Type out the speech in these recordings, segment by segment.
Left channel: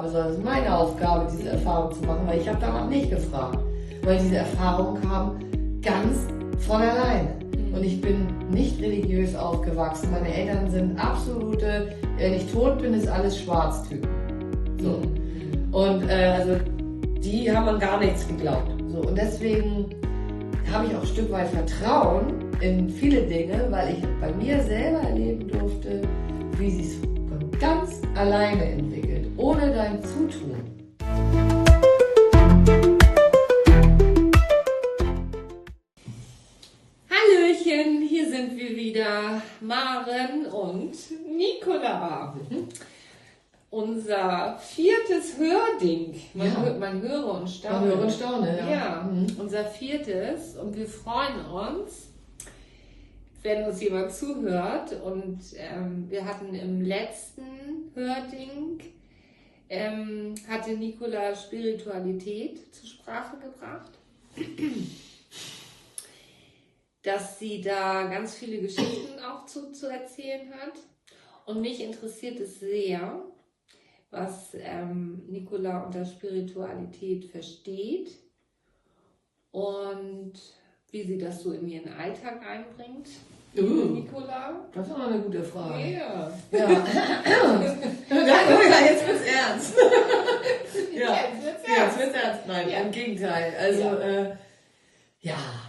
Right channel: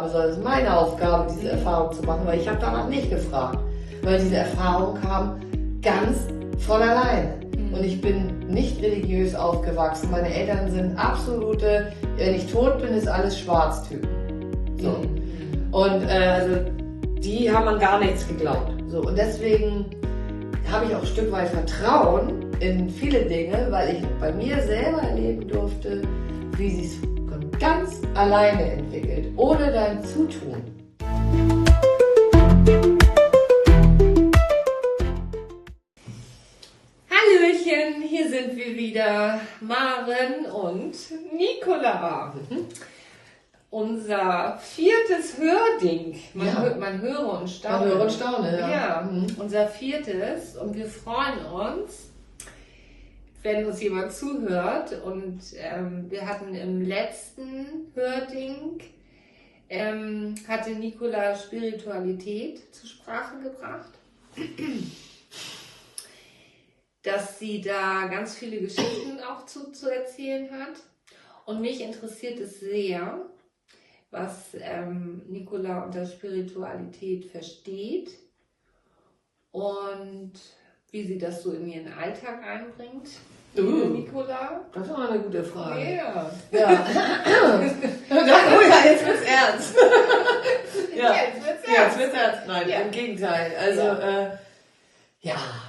sondern es ist meine Aufgabe, diese Erfahrung zu machen, weil ich habe danach nicht gefragt. Weil diese Erfahrung kam ganz von alleine. Und ich bin nicht religiös aufgewachsen. Meine Eltern sind absolute, wenn ich tot bin, ist alles Schwarz-Typen. So. Und also, die haben an gar nichts geglaubt. So. Und deswegen habe ich auch ein Stück weit Vertrauen in viele Dinge, weil ich bei mir selber erleben durfte, wie sie es von ganz alleine entwickelt, ohne dein Zutun. Hallöchen, hier sind wir wieder, Maren und Nicola. Unser viertes Hörding. Man höre und staune. Man höre und staune, ja. Ja, unser viertes. Und wir freuen uns, wenn uns jemand zuhört. Und wir hatten im letzten Hörding, hatte Nicola Spiritualität zur Sprache gebracht. Dass sie da ganz viele Geschichten auch zu erzählen hat. Und mich interessiert es sehr, was Nicola unter Spiritualität versteht und wie sie das so in ihren Alltag einbringt. Nicola? Das ist aber eine gute Frage. Yeah. Ja. Ja, jetzt wird's ernst. Ja, jetzt wird's ernst. Nein, Ja. im Gegenteil. Also,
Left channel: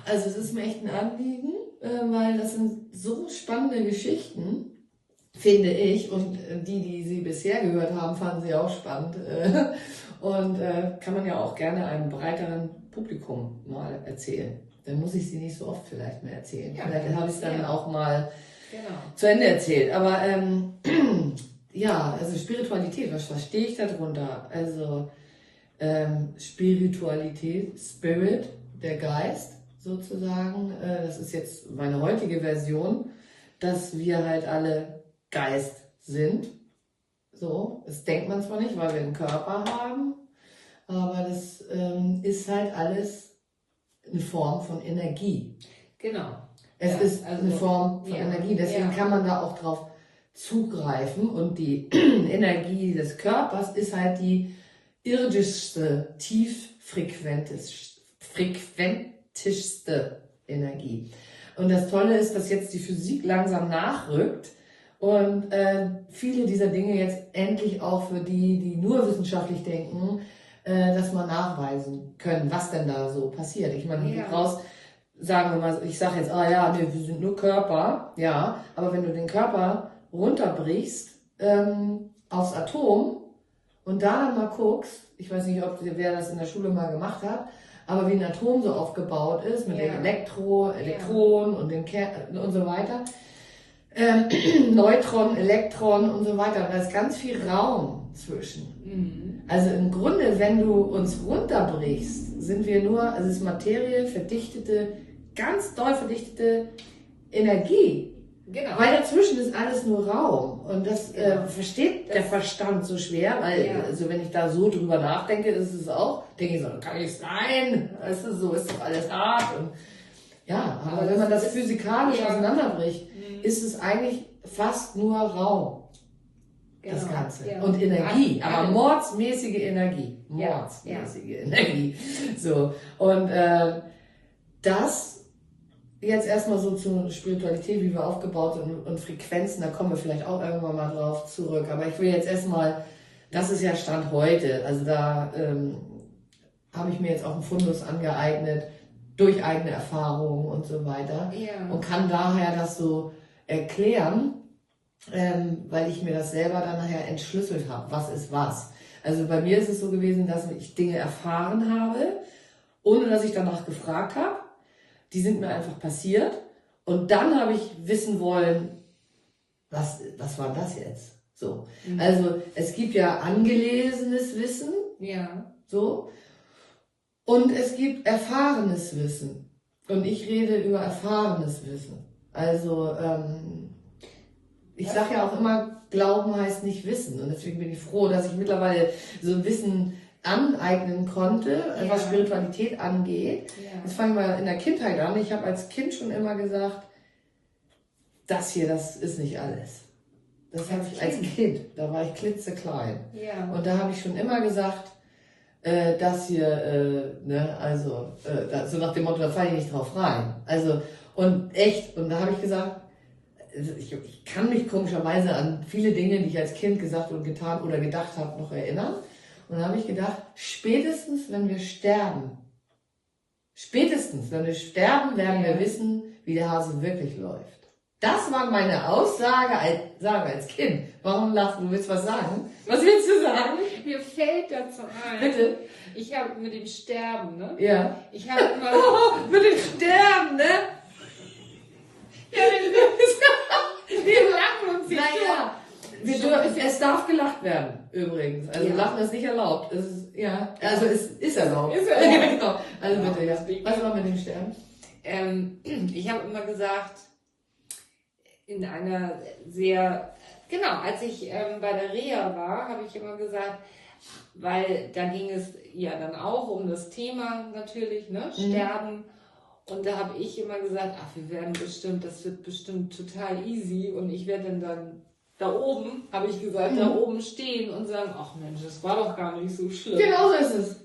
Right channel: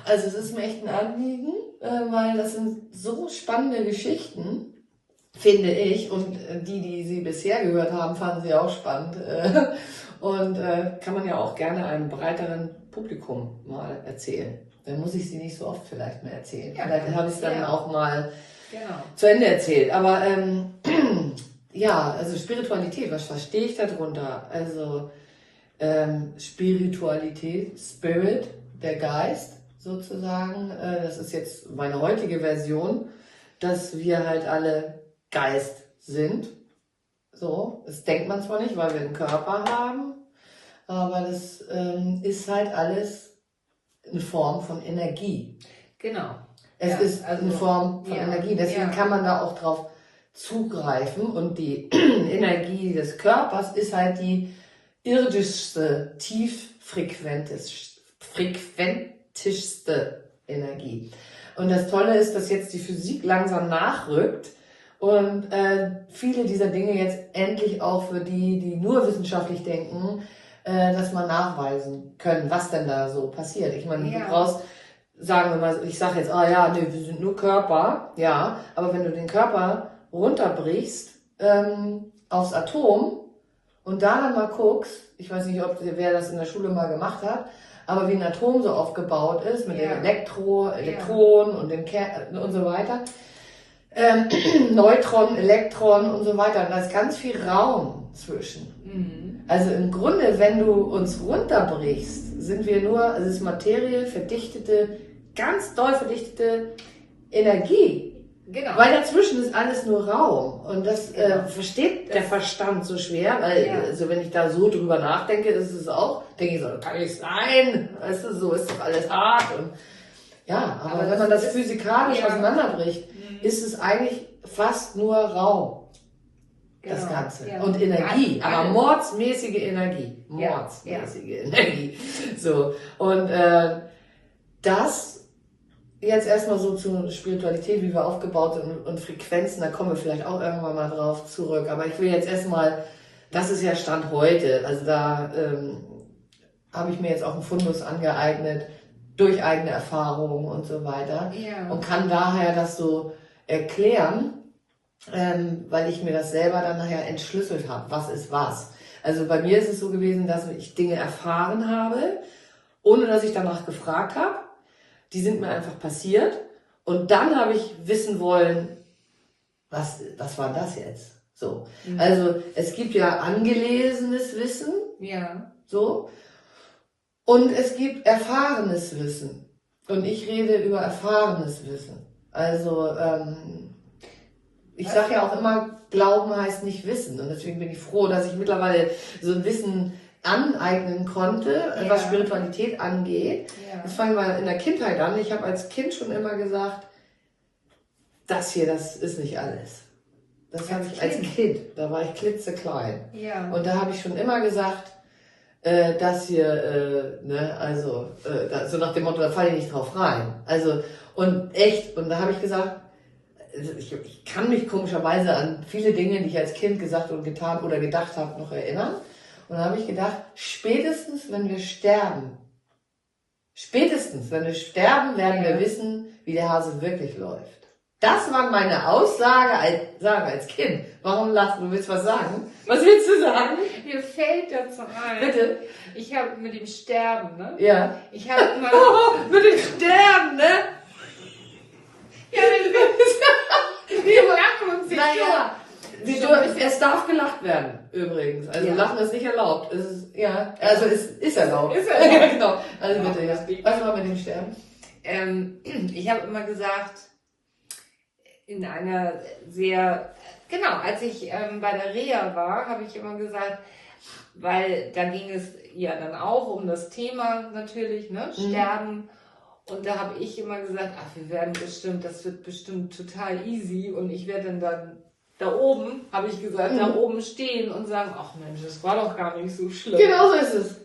also es ist mir echt ein Anliegen, weil das sind so spannende Geschichten, finde ich. Und die sie bisher gehört haben, fanden sie auch spannend. Und kann man ja auch gerne einem breiteren Publikum mal erzählen. Dann muss ich sie nicht so oft vielleicht mehr erzählen. Ja. Vielleicht habe ich es dann auch mal Genau. zu Ende erzählt. Aber ja, also Spiritualität, was verstehe ich darunter? Also Spiritualität, Spirit, der Geist sozusagen, das ist jetzt meine heutige Version, dass wir halt alle Geist sind. So, das denkt man zwar nicht, weil wir einen Körper haben, aber das ist halt alles eine Form von Energie. Genau. Es Ja, ist also, eine Form von ja, Energie, deswegen ja. kann man da auch drauf zugreifen und die Energie des Körpers ist halt die irdischste, frequentischste Energie. Und das Tolle ist, dass jetzt die Physik langsam nachrückt und viele dieser Dinge jetzt endlich auch für die nur wissenschaftlich denken, dass man nachweisen können, was denn da so passiert. Ich meine, du brauchst, sagen wir mal, ich sage jetzt, nee, wir sind nur Körper, ja, aber wenn du den Körper runterbrichst aufs Atom und da dann mal guckst, ich weiß nicht, wer das in der Schule mal gemacht hat, aber wie ein Atom so aufgebaut ist, mit den Elektronen und den Kern und so weiter, Neutronen, Elektronen und so weiter, und da ist ganz viel Raum zwischen. Also im Grunde, wenn du uns runterbrichst, sind wir nur, also es ist Materie, verdichtete, ganz doll verdichtete Energie. Genau. Weil dazwischen ist alles nur Raum. Und das versteht der Verstand so schwer, weil also wenn ich da so drüber nachdenke, das ist es auch, denke ich so, kann nicht sein, weißt du, so ist doch alles hart. Und, ja, aber wenn man das physikalisch auseinanderbricht, ist es eigentlich fast nur Raum. Genau. Das Ganze. Ja. Und Energie, Alles. aber mordsmäßige Energie. Mordsmäßige Energie. So. Und das jetzt erstmal so zur Spiritualität, wie wir aufgebaut sind und Frequenzen, da kommen wir vielleicht auch irgendwann mal drauf zurück. Aber ich will jetzt erstmal, das ist ja Stand heute, also da habe ich mir jetzt auch einen Fundus angeeignet, durch eigene Erfahrungen und so weiter. Und kann daher das so erklären, weil ich mir das selber dann nachher entschlüsselt habe, was ist was. Also bei mir ist es so gewesen, dass ich Dinge erfahren habe, ohne dass ich danach gefragt habe. Die sind mir einfach passiert und dann habe ich wissen wollen, was war das jetzt? So. Also es gibt ja angelesenes Wissen, so, und es gibt erfahrenes Wissen. Und ich rede über erfahrenes Wissen. Also ich sage ja auch immer, Glauben heißt nicht Wissen. Und deswegen bin ich froh, dass ich mittlerweile so ein Wissen aneignen konnte, was Spiritualität angeht. Das fangen wir in der Kindheit an. Ich habe als Kind schon immer gesagt, das ist nicht alles. Das habe ich als Kind. Da war ich klitzeklein. Ja. Und da habe ich schon immer gesagt, das hier, ne, also, so nach dem Motto, da falle ich nicht drauf rein. Also, und echt, und da habe ich gesagt, ich kann mich komischerweise an viele Dinge, die ich als Kind gesagt und getan oder gedacht habe, noch erinnern. Und da habe ich gedacht, spätestens wenn wir sterben, werden wir wissen, wie der Hase wirklich läuft. Das war meine Aussage als Kind. Warum lachst du? Du willst was sagen? Was willst du sagen? Mir fällt dazu ein. Bitte? Ich habe mit dem Sterben, ne? Ja. Ich habe immer. Mit dem Sterben, ne? Ja, wir lachen uns jetzt Naja, es darf gelacht werden, übrigens. Also Ja. Lachen ist nicht erlaubt. Es ist, ja, also es ist erlaubt. Ist erlaubt. Ja, genau. Also bitte, ja. Was war mit dem Sterben? Ich habe immer gesagt, in einer sehr, genau, als ich bei der Reha war, habe ich immer gesagt, weil da ging es ja dann auch um das Thema natürlich, ne, Sterben. Und da habe ich immer gesagt, ach, das wird bestimmt total easy. Und ich werde dann da oben, habe ich gesagt, da oben stehen und sagen, ach Mensch, das war doch gar nicht so schlimm. Genau so ist es.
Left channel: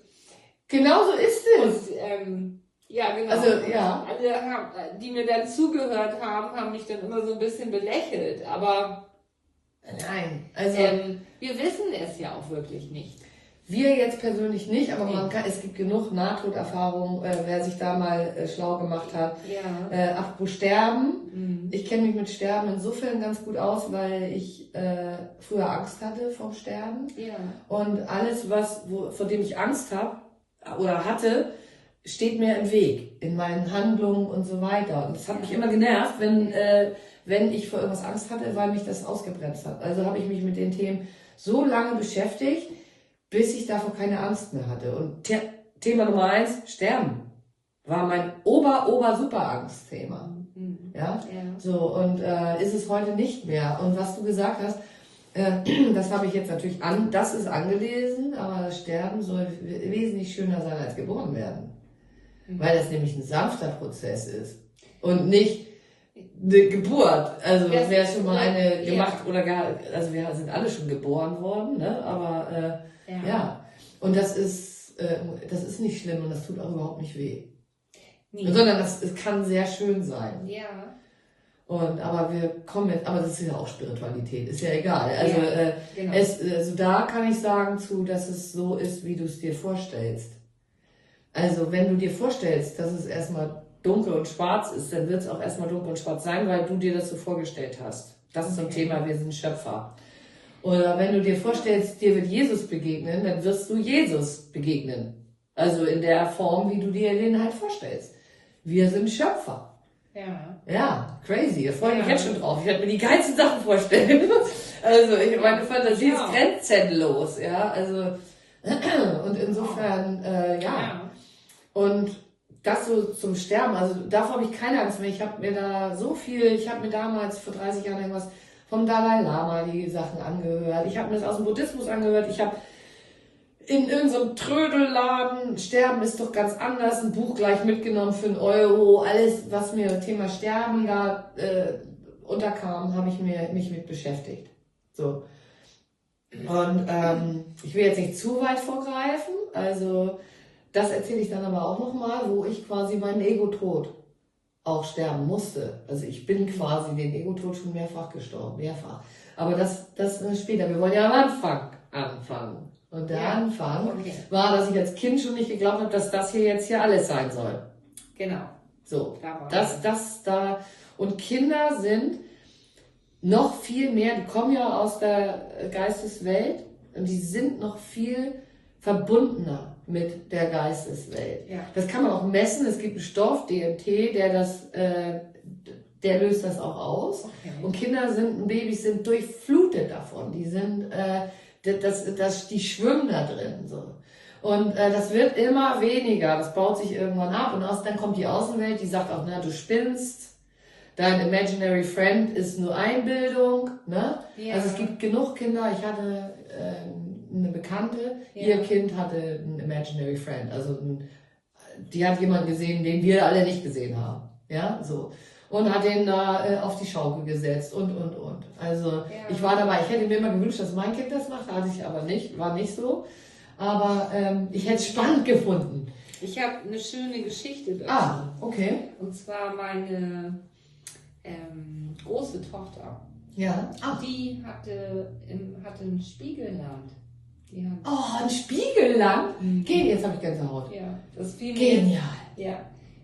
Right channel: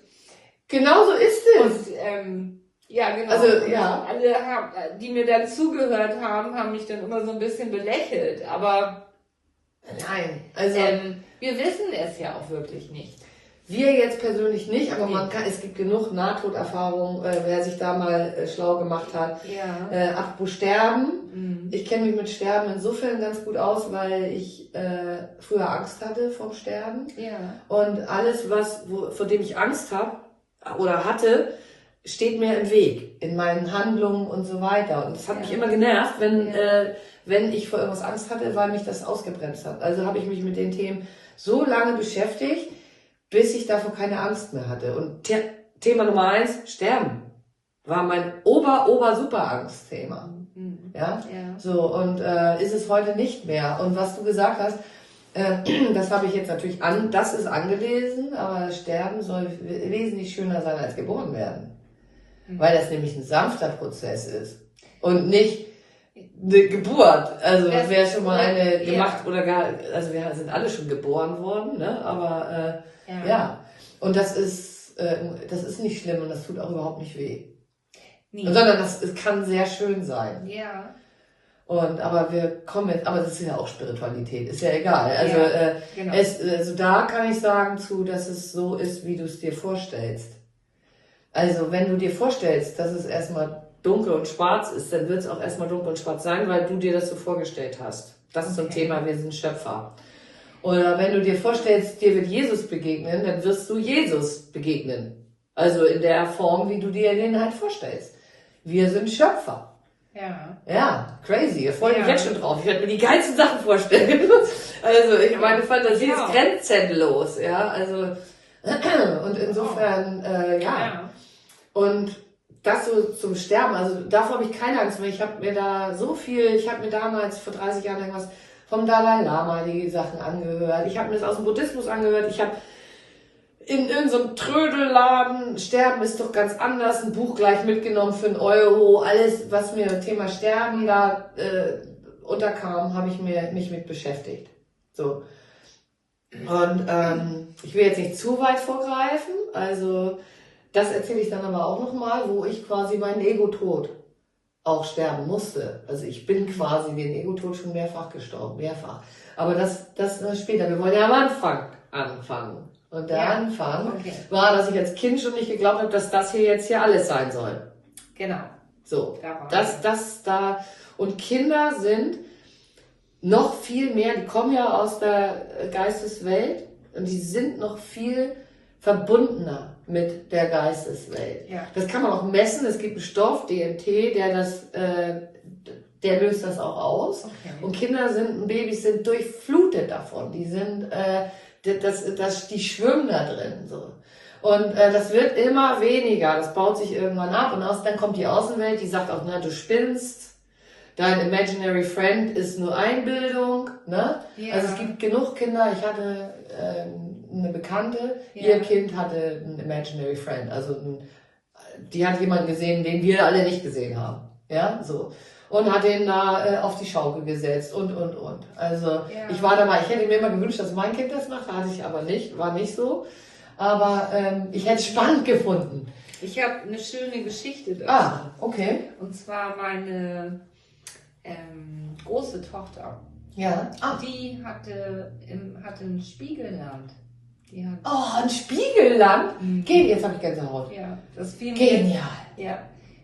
Genau so ist es. Und ja, genau. Also, ja. Alle, die mir dann zugehört haben, haben mich dann immer so ein bisschen belächelt. Aber Nein, also wir wissen es ja auch wirklich nicht. wir jetzt persönlich nicht, aber es gibt genug Nahtoderfahrungen, wer sich da mal schlau gemacht hat. Ja. Apropos Sterben. Mhm. Ich kenne mich mit Sterben insofern ganz gut aus, weil ich früher Angst hatte vom Sterben. Ja. Und alles, vor dem ich Angst habe oder hatte, steht mir im Weg, in meinen Handlungen und so weiter. Und das hat mich immer genervt, wenn ich vor irgendwas Angst hatte, weil mich das ausgebremst hat. Also habe ich mich mit den Themen so lange beschäftigt, bis ich davor keine Angst mehr hatte. Und Thema Nummer 1, Sterben, war mein super Angstthema. Mhm. Ja? Ja. So, und ist es heute nicht mehr. Und was du gesagt hast, das habe ich jetzt natürlich das ist angelesen, aber Sterben soll wesentlich schöner sein als geboren werden. Weil das nämlich ein sanfter Prozess ist und nicht eine Geburt. Also wer schon mal eine gemacht oder also wir sind alle schon geboren worden, ne? Aber ja. Und das ist nicht schlimm und das tut auch überhaupt nicht weh. Nee. Sondern es kann sehr schön sein. Ja. Aber das ist ja auch Spiritualität, ist ja egal. Also, genau. Also da kann ich sagen dass es so ist, wie du es dir vorstellst. Also wenn du dir vorstellst, dass es erstmal dunkel und schwarz ist, dann wird es auch erstmal dunkel und schwarz sein, weil du dir das so vorgestellt hast. Das ist so ein Thema, wir sind Schöpfer. Oder wenn du dir vorstellst, dir wird Jesus begegnen, dann wirst du Jesus begegnen. Also in der Form, wie du dir den halt vorstellst. Wir sind Schöpfer. Ja. Ja, crazy. Da freue ich mich jetzt schon drauf. Ich werde mir die geilsten Sachen vorstellen. Also meine Fantasie ist grenzenlos. Ja, also und insofern, ja. Und das so zum Sterben, also davor habe ich keine Angst mehr. Ich habe mir damals vor 30 Jahren irgendwas vom Dalai Lama die Sachen angehört. Ich habe mir das aus dem Buddhismus angehört. Ich habe in irgendeinem Trödelladen, Sterben ist doch ganz anders, ein Buch gleich mitgenommen für €1. Alles, was mir Thema Sterben da unterkam, habe ich mich mit beschäftigt. So. Und ich will jetzt nicht zu weit vorgreifen, also das erzähle ich dann aber auch nochmal, wo ich quasi meinen Ego-Tod auch sterben musste. Also ich bin quasi den Ego-Tod schon mehrfach gestorben, mehrfach. Aber das später, wir wollen ja am Anfang anfangen. Und der Anfang war, dass ich als Kind schon nicht geglaubt habe, dass das hier alles sein soll. Genau. So, und Kinder sind noch viel mehr, die kommen ja aus der Geisteswelt und die sind noch viel verbundener mit der Geisteswelt. Ja. Das kann man auch messen, es gibt einen Stoff, DMT, der löst das auch aus. Okay. Und Babys sind durchflutet davon, die sind, die schwimmen da drin, so. Und das wird immer weniger, das baut sich irgendwann ab und dann kommt die Außenwelt, die sagt auch, du spinnst, dein Imaginary Friend ist nur Einbildung, ne? Ja. Also es gibt genug Kinder, ich hatte eine Bekannte, ihr Kind hatte einen Imaginary Friend, also die hat jemanden gesehen, den wir alle nicht gesehen haben, ja, so. und hat den da auf die Schaukel gesetzt und. Also ich war dabei, ich hätte mir immer gewünscht, dass mein Kind das macht, hatte ich aber nicht, war nicht so. Aber ich hätte es spannend gefunden. Ich habe eine schöne Geschichte dazu. Ah, okay. Und zwar meine große Tochter. Ja. Die hatte ein Spiegelland. Die hat, ein Spiegelland? Geht, jetzt habe ich Gänsehaut. Ja, das fiel mir. Genial. Ja,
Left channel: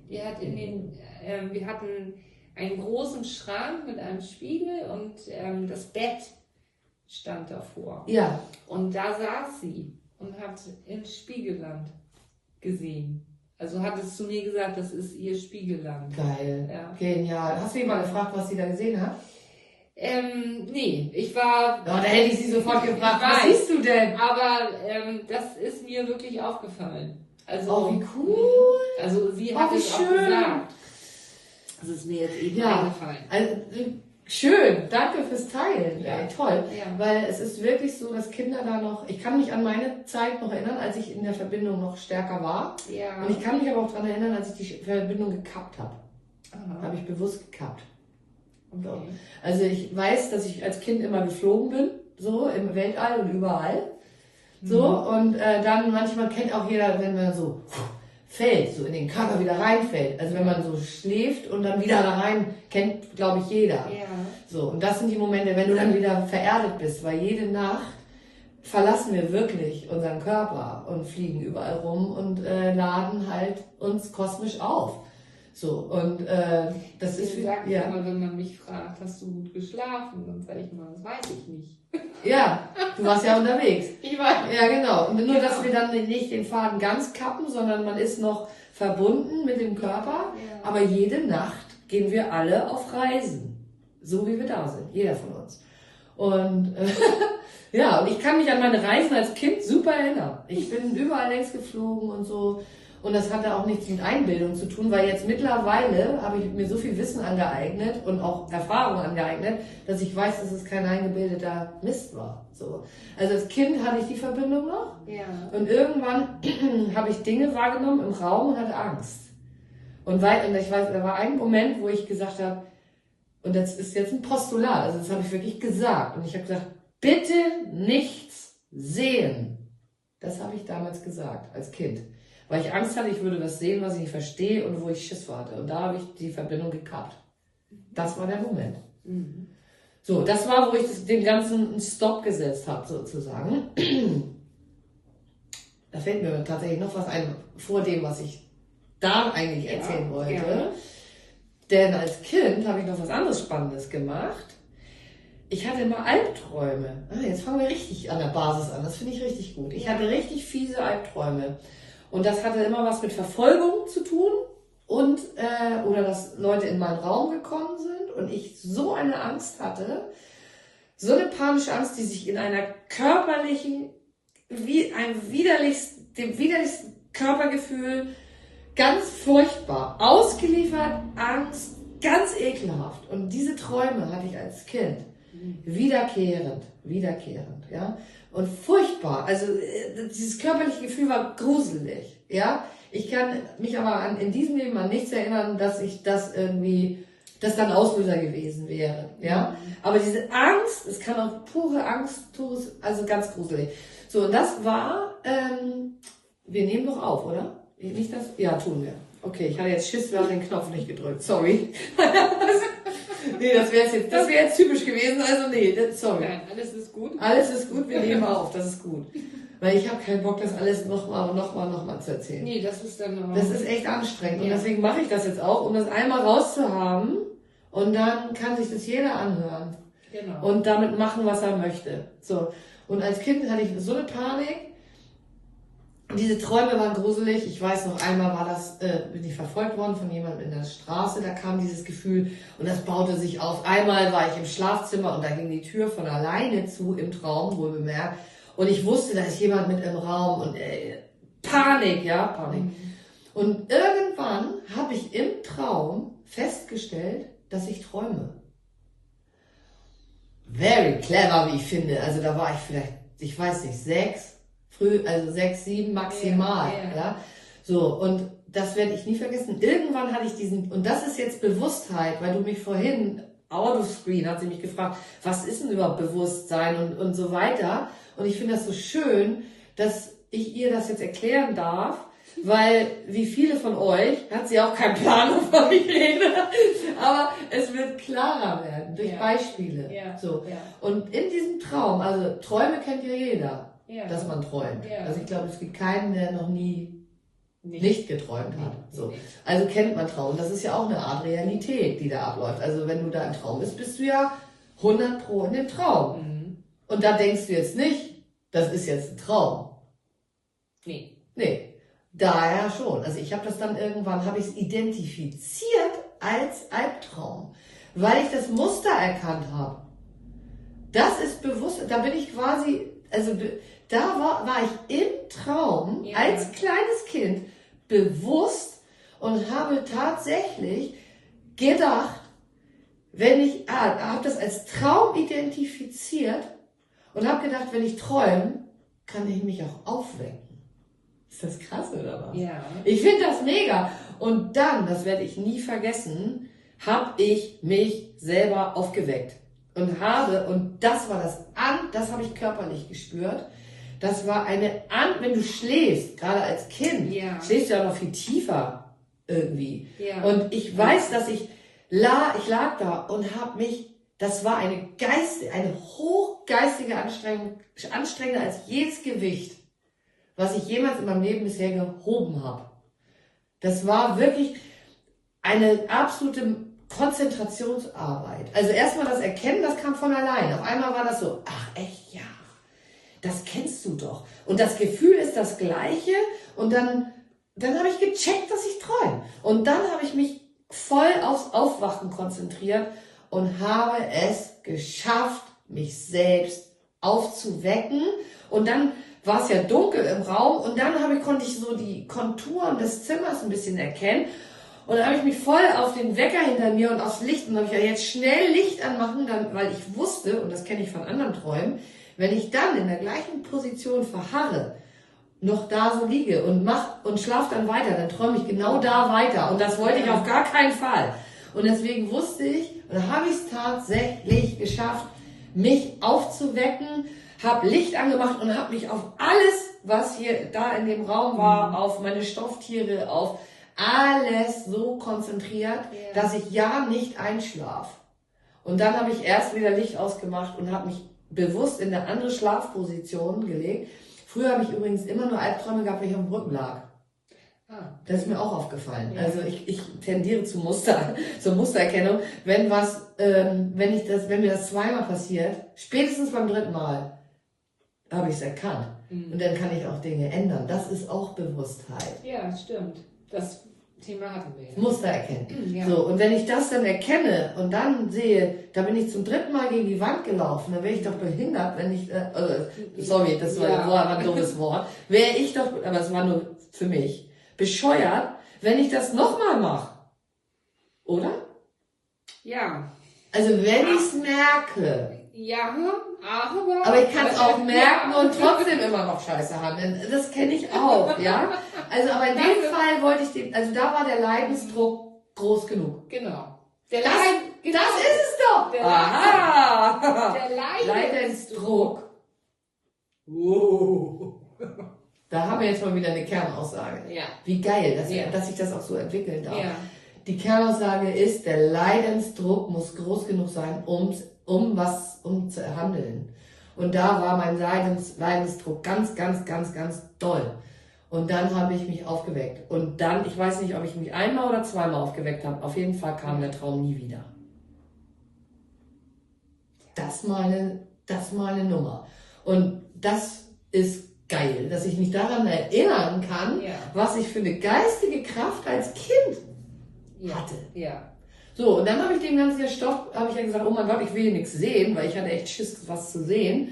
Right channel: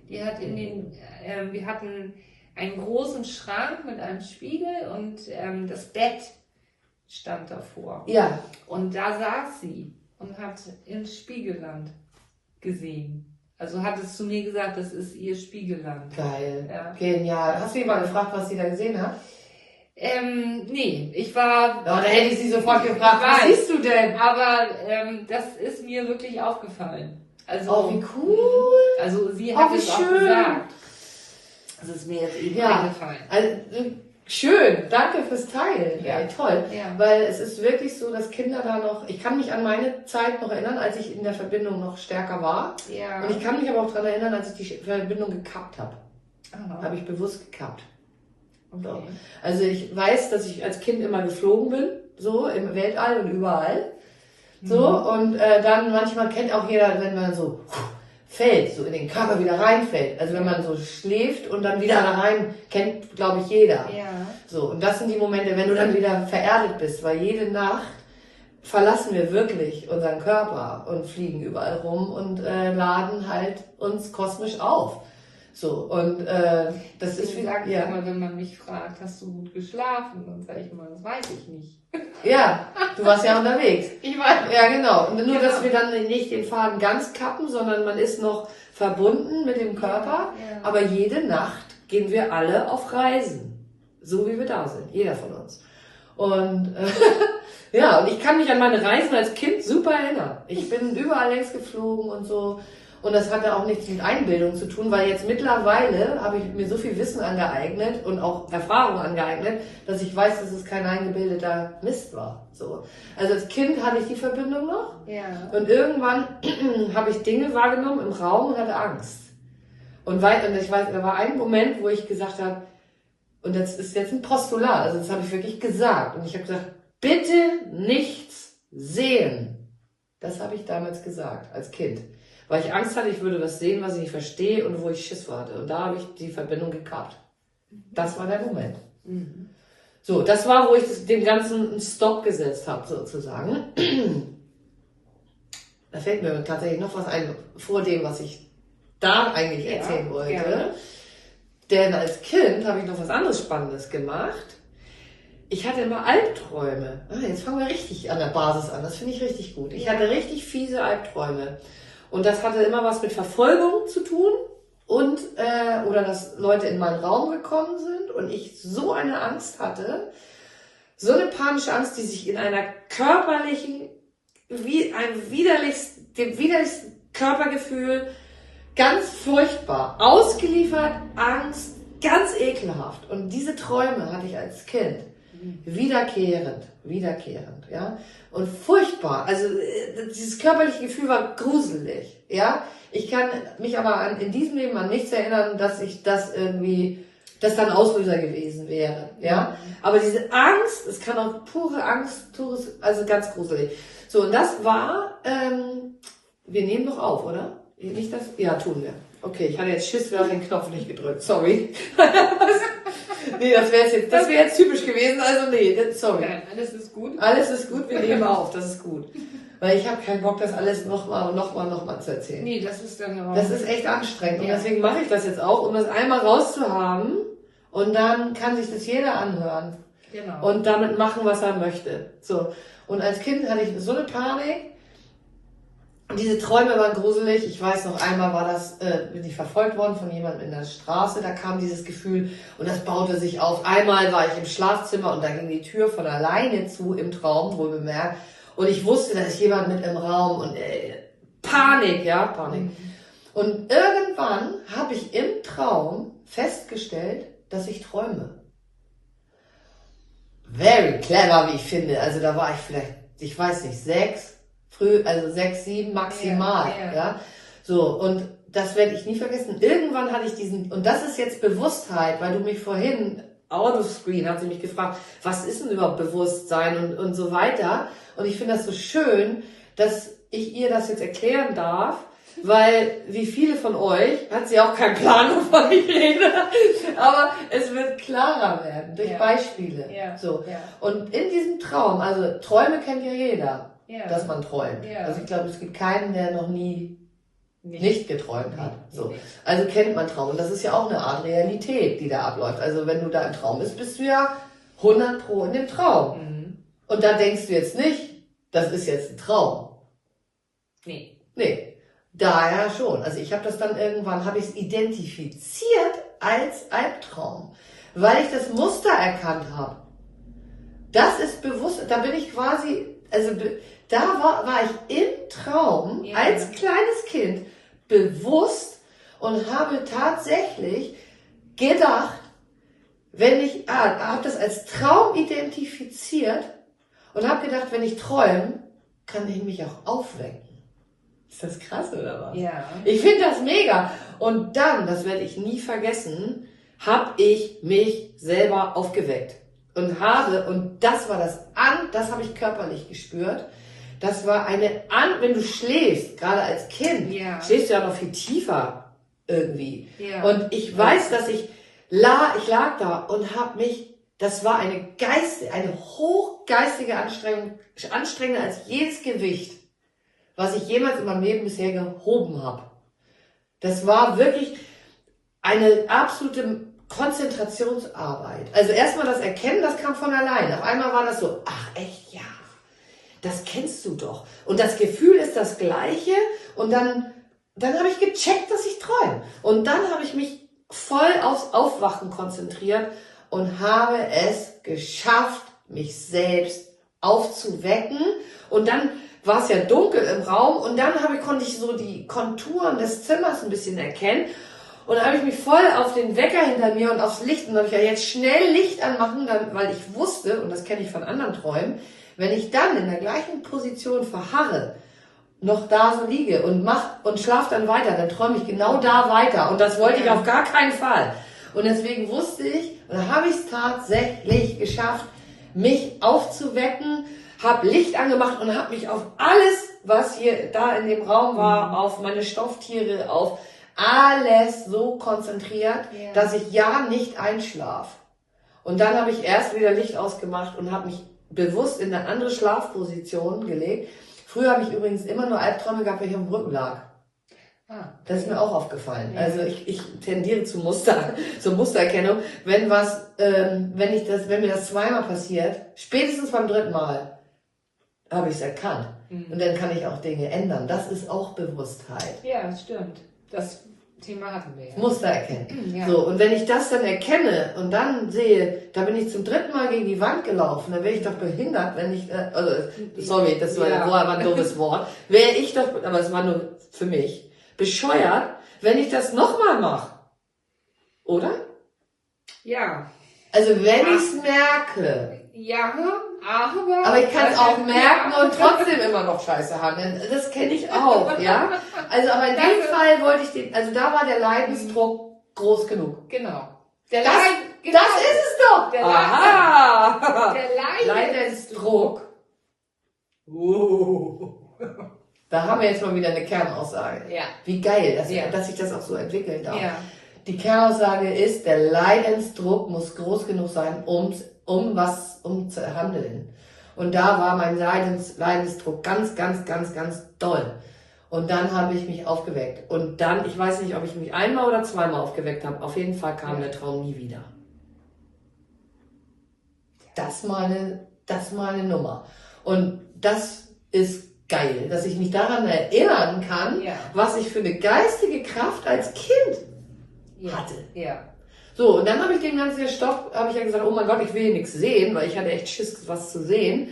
die hat wir hatten einen großen Schrank mit einem Spiegel und das Bett stand davor. Ja. Und da saß sie und hat ins Spiegelland gesehen. Also hat es zu mir gesagt, das ist ihr Spiegelland. Geil. Ja. Genial. Hast du sie mal gefragt, was sie da gesehen hat? Nee, ich war. Da hätte ich sie sofort gefragt, was siehst du denn? Aber das ist mir wirklich aufgefallen. Also, Oh, wie cool. Also sie hat wie es auch schön. gesagt. Das ist mir jetzt eben eingefallen. Also, schön, danke fürs Teilen. Ja, toll. Ja. Weil es ist wirklich so, dass Kinder da noch, ich kann mich an meine Zeit noch erinnern, als ich in der Verbindung noch stärker war. Ja. Und ich kann mich aber auch daran erinnern, als ich die Verbindung gekappt habe. Aha. Habe ich bewusst gekappt. Okay. Also ich weiß, dass ich als Kind immer geflogen bin, so im Weltall und überall. So, und dann manchmal kennt auch jeder, wenn man so fällt, so in den Körper wieder reinfällt. Also wenn man so schläft und dann wieder da rein, kennt, glaube ich, jeder. Ja. So, und das sind die Momente, wenn du dann wieder vererdet bist, weil jede Nacht verlassen wir wirklich unseren Körper und fliegen überall rum und laden halt uns kosmisch auf. So, und das ist Ich sage ja. immer, wenn man mich fragt, hast du gut geschlafen? Dann sage ich immer, das weiß ich nicht. Ja, du warst ja unterwegs. Ich weiß. Ja, genau. Und nur, Genau. dass wir dann nicht den Faden ganz kappen, sondern man ist noch verbunden mit dem Körper. Ja. Aber jede Nacht gehen wir alle auf Reisen. So wie wir da sind. Jeder von uns. Und ja, und ich kann mich an meine Reisen als Kind super erinnern. Ich bin überall längs geflogen und so. Und das hatte auch nichts mit Einbildung zu tun, weil jetzt mittlerweile habe ich mir so viel Wissen angeeignet und auch Erfahrung angeeignet, dass ich weiß, dass es kein eingebildeter Mist war. So. Also als Kind hatte ich die Verbindung noch Ja. und irgendwann habe ich Dinge wahrgenommen im Raum und hatte Angst. Und ich weiß, da war ein Moment, wo ich gesagt habe, und das ist jetzt ein Postulat, also das habe ich wirklich gesagt. Und ich habe gesagt, bitte nichts sehen. Das habe ich damals gesagt, als Kind. Weil ich Angst hatte, ich würde was sehen, was ich nicht verstehe und wo ich Schiss hatte. Und da habe ich die Verbindung gekappt. Das war der Moment. Mhm. So, das war, wo ich dem Ganzen einen Stopp gesetzt habe, sozusagen. Da fällt mir tatsächlich noch was ein, vor dem, was ich da eigentlich erzählen wollte. Ja. Denn als Kind habe ich noch was anderes Spannendes gemacht. Ich hatte immer Albträume. Jetzt fangen wir richtig an der Basis an. Das finde ich richtig gut. Ich hatte richtig fiese Albträume. Und das hatte immer was mit Verfolgung zu tun und oder dass Leute in meinen Raum gekommen sind und ich so eine Angst hatte, so eine panische Angst, die sich in einer körperlichen, dem widerlichsten Körpergefühl, ganz furchtbar, ausgeliefert, Angst, ganz ekelhaft. Und diese Träume hatte ich als Kind. Wiederkehrend, ja. Und furchtbar. Also dieses körperliche Gefühl war gruselig, ja. Ich kann mich aber in diesem Leben an nichts erinnern, dass ich das irgendwie, dass da ein Auslöser gewesen wäre, ja. Aber diese Angst, es kann auch pure Angst, also ganz gruselig. So, und das war, wir nehmen doch auf, oder? Nicht das? Ja, tun wir. Okay, ich hatte jetzt Schiss, wir haben den Knopf nicht gedrückt, sorry. Nee, das wäre jetzt typisch gewesen, also nee, sorry. Nein, alles ist gut. Alles ist gut, wir nehmen auf, das ist gut. Weil ich habe keinen Bock, das alles nochmal zu erzählen. Nee, das ist dann auch. Das ist echt anstrengend Ja. und deswegen mache ich das jetzt auch, um das einmal rauszuhaben und dann kann sich das jeder anhören Genau. und damit machen, was er möchte. So. Und als Kind hatte ich so eine Panik. Diese Träume waren gruselig. Ich weiß noch, einmal bin ich verfolgt worden von jemandem in der Straße. Da kam dieses Gefühl und das baute sich auf. Einmal war ich im Schlafzimmer und da ging die Tür von alleine zu, im Traum, wohl bemerkt. Und ich wusste, da ist jemand mit im Raum und Panik, ja, Panik. Mhm. Und irgendwann habe ich im Traum festgestellt, dass ich träume. Very clever, wie ich finde. Also da war ich vielleicht, ich weiß nicht, 6, 7 maximal. Ja. Ja. So, und das werde ich nie vergessen. Irgendwann hatte ich diesen, und das ist jetzt Bewusstheit, weil du mich vorhin, out of screen, hat sie mich gefragt, was ist denn überhaupt Bewusstsein und so weiter. Und ich finde das so schön, dass ich ihr das jetzt erklären darf, weil wie viele von euch hat sie auch keinen Plan, wovon ich rede, aber es wird klarer werden durch Beispiele. Ja. So. Ja. Und in diesem Traum, also Träume kennt ja jeder, dass man träumt. Ja. Also ich glaube, es gibt keinen, der noch nie nicht geträumt hat. So. Nee. Also kennt man Traum. Das ist ja auch eine Art Realität, die da abläuft. Also wenn du da im Traum bist, bist du ja 100% in dem Traum. Mhm. Und da denkst du jetzt nicht, das ist jetzt ein Traum. Nee. Daher schon. Also ich habe das dann irgendwann, habe ich es identifiziert als Albtraum, weil ich das Muster erkannt habe. Das ist bewusst, da bin ich quasi, also da war ich im Traum als kleines Kind bewusst und habe tatsächlich gedacht, wenn ich, habe das als Traum identifiziert und habe gedacht, wenn ich träume, kann ich mich auch aufwecken. Ist das krass oder was? Ja. Ich finde das mega. Und dann, das werde ich nie vergessen, habe ich mich selber aufgeweckt. Und das war das habe ich körperlich gespürt. Das war wenn du schläfst, gerade als Kind, schläfst du ja noch viel tiefer irgendwie. Ja. Und ich weiß, dass ich lag da und habe mich, das war eine hochgeistige Anstrengung, anstrengender als jedes Gewicht, was ich jemals in meinem Leben bisher gehoben habe. Das war wirklich eine absolute Konzentrationsarbeit. Also erstmal das Erkennen, das kam von alleine. Auf einmal war das so, ach echt, ja, das kennst du doch. Und das Gefühl ist das gleiche und dann habe ich gecheckt, dass ich träume. Und dann habe ich mich voll aufs Aufwachen konzentriert und habe es geschafft, mich selbst aufzuwecken. Und dann war es ja dunkel im Raum und dann konnte ich so die Konturen des Zimmers ein bisschen erkennen. Und dann habe ich mich voll auf den Wecker hinter mir und aufs Licht und dann habe ich ja jetzt schnell Licht anmachen, weil ich wusste, und das kenne ich von anderen Träumen, wenn ich dann in der gleichen Position verharre, noch da so liege und schlafe dann weiter, dann träume ich genau da weiter. Und das wollte ich auf gar keinen Fall. Und deswegen wusste ich, und dann habe ich es tatsächlich geschafft, mich aufzuwecken, habe Licht angemacht und habe mich auf alles, was hier da in dem Raum war, auf meine Stofftiere, auf alles so konzentriert, dass ich nicht einschlafe. Und dann habe ich erst wieder Licht ausgemacht und habe mich bewusst in eine andere Schlafposition gelegt. Früher habe ich übrigens immer nur Albträume gehabt, wenn ich auf dem Rücken lag. Das ist mir auch aufgefallen. Ja. Also ich tendiere zur Mustererkennung. Wenn mir das zweimal passiert, spätestens beim dritten Mal, habe ich es erkannt. Und dann kann ich auch Dinge ändern. Das ist auch Bewusstheit. Ja, stimmt. Das Thema hatten wir ja. Muster erkennen. Ja. So, und wenn ich das dann erkenne und dann sehe, da bin ich zum dritten Mal gegen die Wand gelaufen, dann wäre ich doch behindert, wenn ich, sorry, das war ein doofes Wort, wäre ich doch, aber es war nur für mich, bescheuert, wenn ich das nochmal mache. Oder? Ja. Also wenn ich es merke. Ja, aber ich kann es auch merken und trotzdem immer noch Scheiße handeln. Das kenne ich auch, ja. Also aber in dem Fall wollte ich da war der Leidensdruck groß genug. Genau. Das ist es doch. Der Leidensdruck. Da haben wir jetzt mal wieder eine Kernaussage. Ja. Wie geil, dass sich das auch so entwickeln darf. Ja. Die Kernaussage ist, der Leidensdruck muss groß genug sein, um zu handeln. Und da war mein Leidensdruck ganz, ganz, ganz, ganz doll. Und dann habe ich mich aufgeweckt. Und dann, ich weiß nicht, ob ich mich einmal oder zweimal aufgeweckt habe, auf jeden Fall kam der Traum nie wieder. Das mal eine Nummer. Und das ist geil, dass ich mich daran erinnern kann, was ich für eine geistige Kraft als Kind hatte. Ja. So, und dann habe ich den ganzen Stoff, habe ich ja gesagt, oh mein Gott, ich will hier nichts sehen, weil ich hatte echt Schiss, was zu sehen.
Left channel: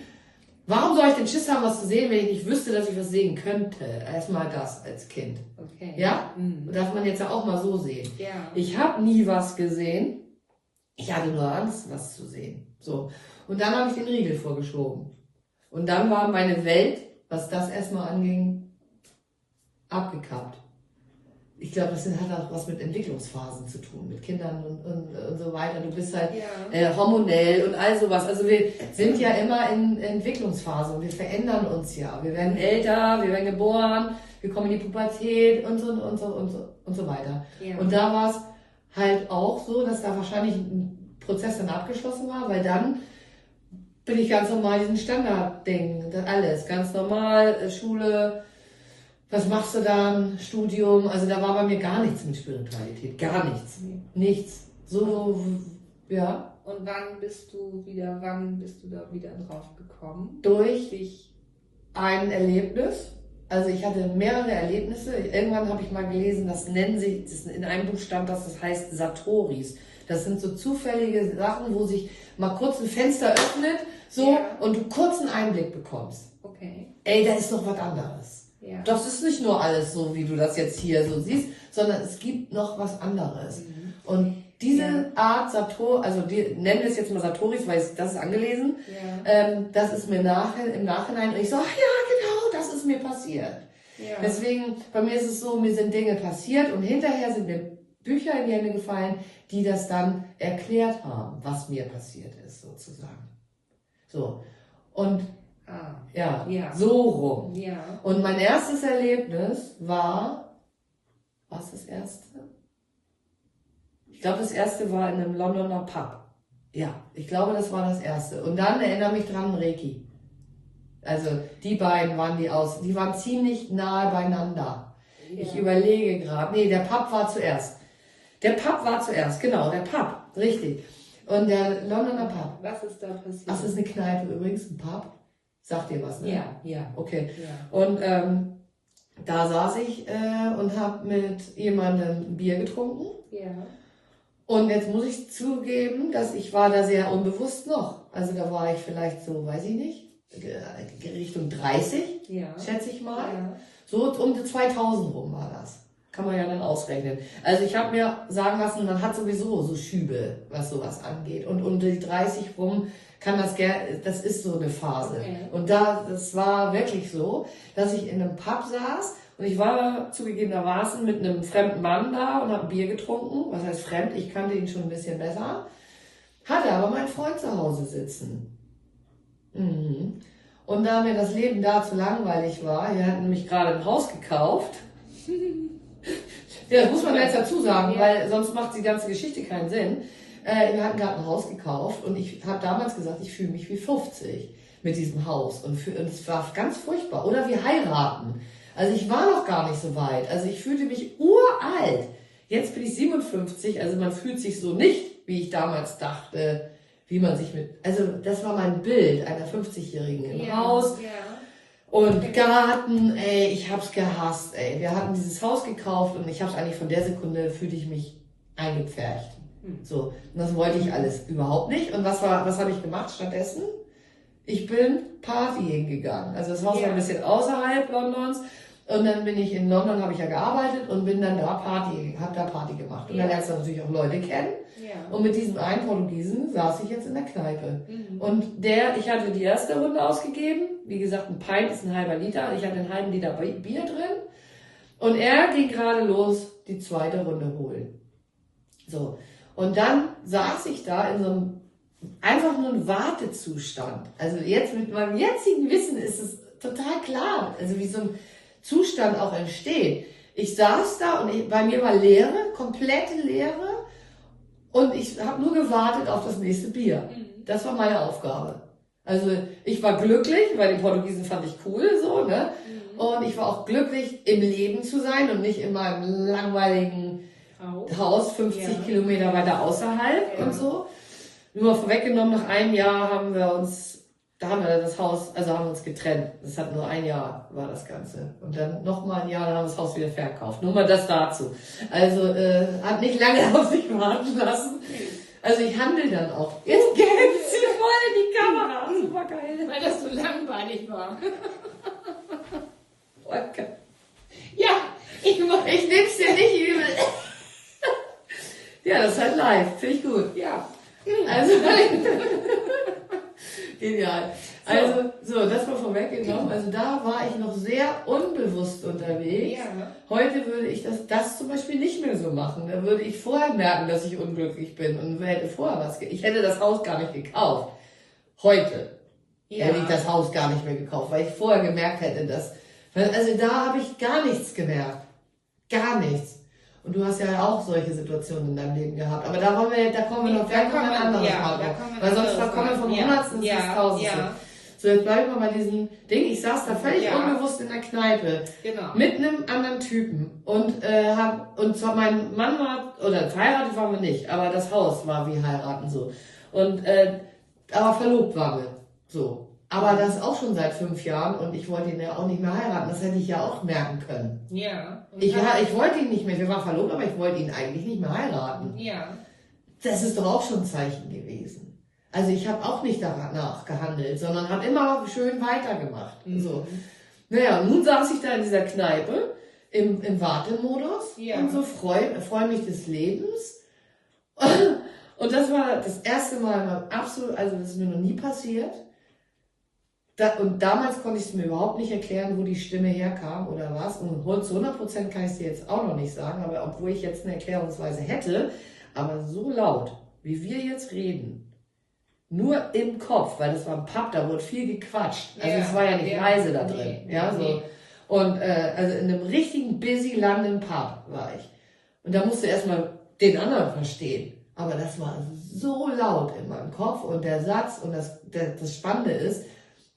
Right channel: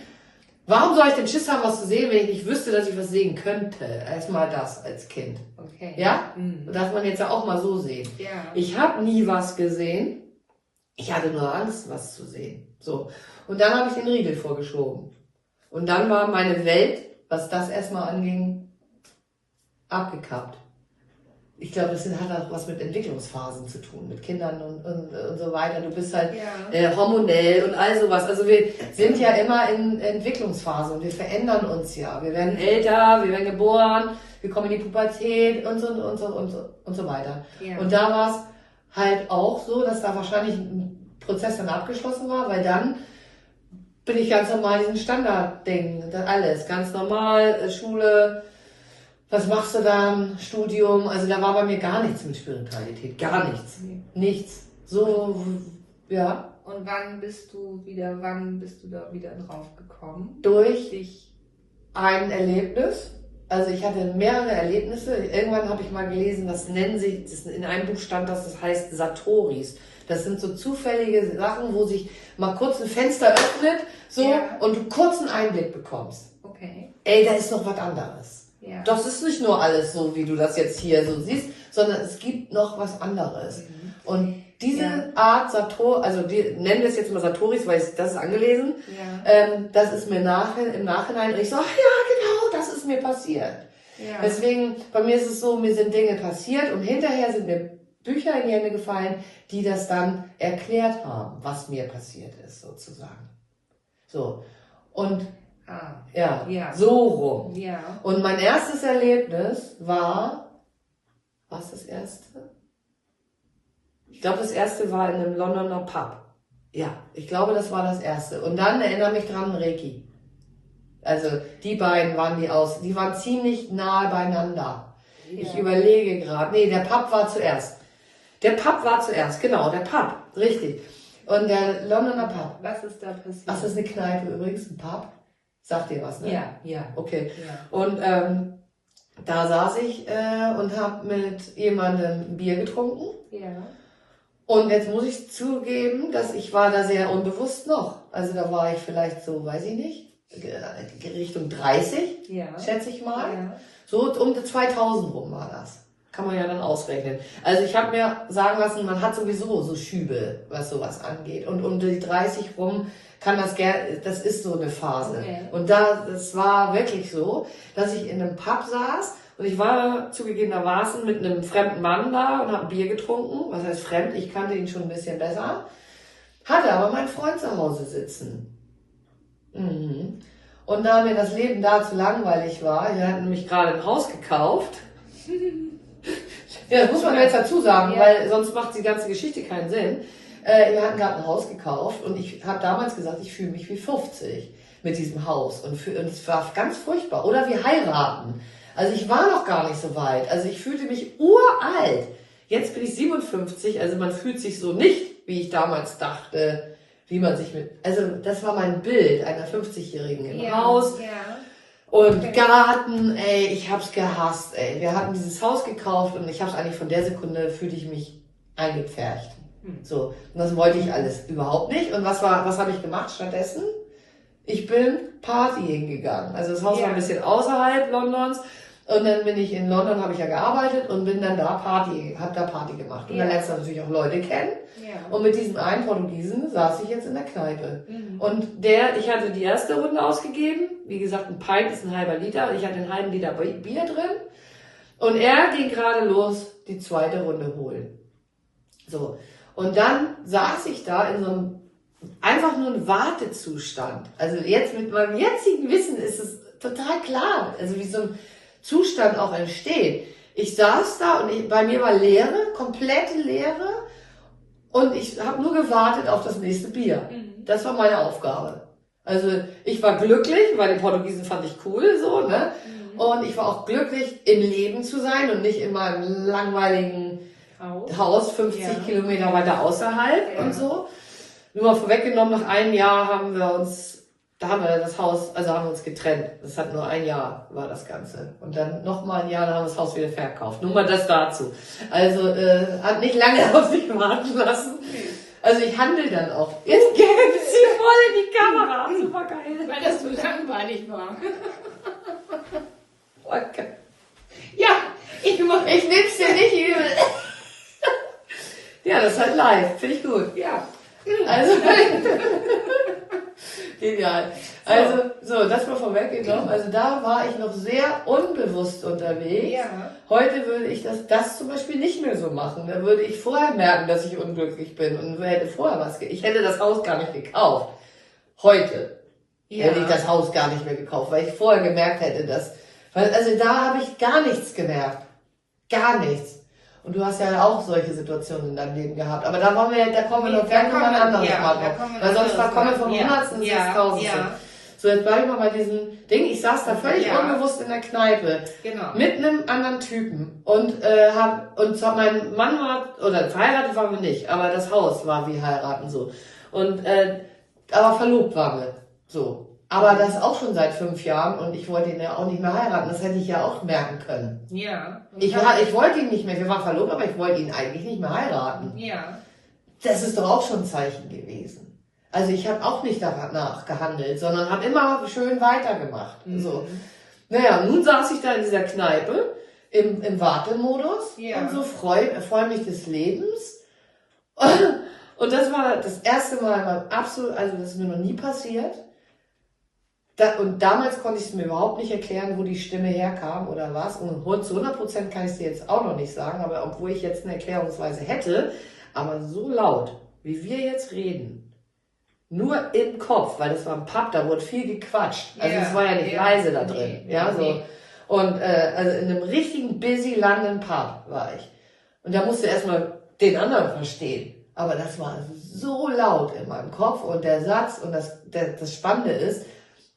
Warum soll ich denn Schiss haben, was zu sehen, wenn ich nicht wüsste, dass ich was sehen könnte? Erstmal das als Kind. Okay. Ja? Mhm. Darf man jetzt ja auch mal so sehen. Ja. Ich habe nie was gesehen. Ich hatte nur Angst, was zu sehen. So. Und dann habe ich den Riegel vorgeschoben. Und dann war meine Welt, was das erstmal anging, abgekappt. ich glaube, das hat auch was mit Entwicklungsphasen zu tun, mit Kindern und so weiter. Du bist halt hormonell und all sowas. Also wir sind ja immer in Entwicklungsphasen. Wir verändern uns ja. Wir werden älter, wir werden geboren, wir kommen in die Pubertät und so weiter. Ja. Und da war es halt auch so, dass da wahrscheinlich ein Prozess dann abgeschlossen war, weil dann bin ich ganz normal diesen Standardding, alles ganz normal, Schule. Was machst du dann? Studium? Also da war bei mir gar nichts mit Spiritualität. Gar nichts. Nichts. So, ja. Und wann bist du da wieder drauf gekommen? Durch ein Erlebnis. Also ich hatte mehrere Erlebnisse. Irgendwann habe ich mal gelesen, das in einem Buch stand, das heißt Satoris. Das sind so zufällige Sachen, wo sich mal kurz ein Fenster öffnet, und du kurz einen Einblick bekommst. Okay. Ey, da ist noch was anderes. Ja. Das ist nicht nur alles so, wie du das jetzt hier so siehst, sondern es gibt noch was anderes. Und diese Art Satori, also nennen wir es jetzt mal Satoris, weil das ist angelesen, das ist mir im Nachhinein, und ich so, ja genau, das ist mir passiert. Ja. Deswegen, bei mir ist es so, mir sind Dinge passiert und hinterher sind mir Bücher in die Hände gefallen, die das dann erklärt haben, was mir passiert ist, sozusagen. So. Und so rum. Ja. Und mein erstes Erlebnis war, was das erste? Ich glaube, das erste war in einem Londoner Pub. Ja, ich glaube, das war das erste. Und dann erinnere mich dran, Reiki. Also die beiden waren die waren ziemlich nahe beieinander. Ja. Ich überlege gerade. Nee, der Pub war zuerst. Genau, der Pub, richtig. Und der Londoner Pub. Was ist da passiert? Ach, das ist eine Kneipe übrigens, ein Pub. Sagt dir was, ne? Ja. Okay. Ja. Und da saß ich und habe mit jemandem ein Bier getrunken. Ja. Und jetzt muss ich zugeben, dass ich war da sehr unbewusst noch. Also da war ich vielleicht so, weiß ich nicht, Richtung 30, schätze ich mal. Ja. So um 2000 rum war das. Kann man ja dann ausrechnen. Also ich habe mir sagen lassen, man hat sowieso so Schübe, was sowas angeht. Und um die 30 rum kann das ist so eine Phase. Okay. Und das war wirklich so, dass ich in einem Pub saß und ich war zugegebenermaßen mit einem fremden Mann da und habe ein Bier getrunken. Was heißt fremd? Ich kannte ihn schon ein bisschen besser. Hatte aber meinen Freund zu Hause sitzen. Mhm. Und da mir das Leben da zu langweilig war, wir hatten nämlich gerade ein Haus gekauft. Ja, das muss man jetzt dazu sagen, weil sonst macht die ganze Geschichte keinen Sinn. Wir hatten gerade ein Haus gekauft und ich habe damals gesagt, ich fühle mich wie 50 mit diesem Haus und es war ganz furchtbar. Oder wir heiraten. Also ich war noch gar nicht so weit. Also ich fühlte mich uralt. Jetzt bin ich 57, also man fühlt sich so nicht, wie ich damals dachte, wie man sich also das war mein Bild einer 50-Jährigen im Haus. Ja. Und Garten, ey, ich hab's gehasst, ey. Wir hatten dieses Haus gekauft und ich hab's eigentlich von der Sekunde, fühlte ich mich eingepfercht. So, und das wollte ich alles überhaupt nicht. Und was habe ich gemacht stattdessen? Ich bin Partying gegangen. Also das Haus war ein bisschen außerhalb Londons. Und dann bin ich in London, habe ich ja gearbeitet und bin dann da Party gemacht. Und dann lernst du natürlich auch Leute kennen. Ja. Und mit diesem einen Portugiesen saß ich jetzt in der Kneipe. Mhm. Und ich hatte die erste Runde ausgegeben. Wie gesagt, ein Pint ist ein halber Liter. Ich hatte einen halben Liter Bier drin. Und er ging gerade los, die zweite Runde holen. So. Und dann saß ich da in so einem, einfach nur ein Wartezustand. Also jetzt mit meinem jetzigen Wissen ist es total klar, also wie so ein Zustand auch entsteht. Ich saß da und bei mir war Leere, komplette Leere und ich habe nur gewartet auf das nächste Bier. Das war meine Aufgabe. Also ich war glücklich, weil den Portugiesen fand ich cool, so, ne? Und ich war auch glücklich, im Leben zu sein und nicht in meinem langweiligen Haus 50 Kilometer weiter außerhalb und so. Nur mal vorweggenommen, nach einem Jahr haben wir uns getrennt. Das hat nur ein Jahr, war das Ganze. Und dann nochmal ein Jahr, dann haben wir das Haus wieder verkauft. Nur mal das dazu. Also hat nicht lange auf sich warten lassen. Also ich handle dann auch. Jetzt geht es hier voll in die Kamera. Super geil. Weil das so langweilig war. Okay. Ja, ich nehm's dir nicht übel. Ja, das ist halt live. Finde ich gut. Ja. Also, Genial. Also, so, das war vorweggenommen. Also da war ich noch sehr unbewusst unterwegs. Ja. Heute würde ich das zum Beispiel nicht mehr so machen. Da würde ich vorher merken, dass ich unglücklich bin und hätte vorher ich hätte das Haus gar nicht gekauft. Heute hätte ich das Haus gar nicht mehr gekauft, weil ich vorher gemerkt hätte, also da habe ich gar nichts gemerkt. Gar nichts. Und du hast ja auch solche Situationen in deinem Leben gehabt. Aber da kommen wir noch gleich noch ein anderes Mal drauf. Weil sonst kommen wir vom Hundertsten ins Tausendste. So, jetzt bleibe ich mal bei diesem Ding. Ich saß da völlig unbewusst in der Kneipe. Genau. Mit einem anderen Typen. Und zwar mein Mann war, oder verheiratet waren wir nicht, aber das Haus war wie heiraten so. Und, aber verlobt waren wir. So. Aber das auch schon seit 5 Jahren und ich wollte ihn ja auch nicht mehr heiraten. Das hätte ich ja auch merken können. Ja. Ich wollte ihn nicht mehr, wir waren verlobt, aber ich wollte ihn eigentlich nicht mehr heiraten. Ja. Das ist doch auch schon ein Zeichen gewesen. Also ich habe auch nicht danach gehandelt, sondern habe immer schön weitergemacht. So. Naja, nun saß ich da in dieser Kneipe im Wartemodus und so freu mich des Lebens. Und das war das erste Mal, absolut, also das ist mir noch nie passiert. Und damals konnte ich es mir überhaupt nicht erklären, wo die Stimme herkam oder was. Und zu 100% kann ich es dir jetzt auch noch nicht sagen, aber obwohl ich jetzt eine Erklärungsweise hätte, aber so laut, wie wir jetzt reden, nur im Kopf, weil das war ein Pub, da wurde viel gequatscht. Also es war ja nicht leise da drin. So. Und also in einem richtigen busy London Pub war ich. Und da musste erstmal den anderen verstehen. Aber das war so laut in meinem Kopf und der Satz und das Spannende ist,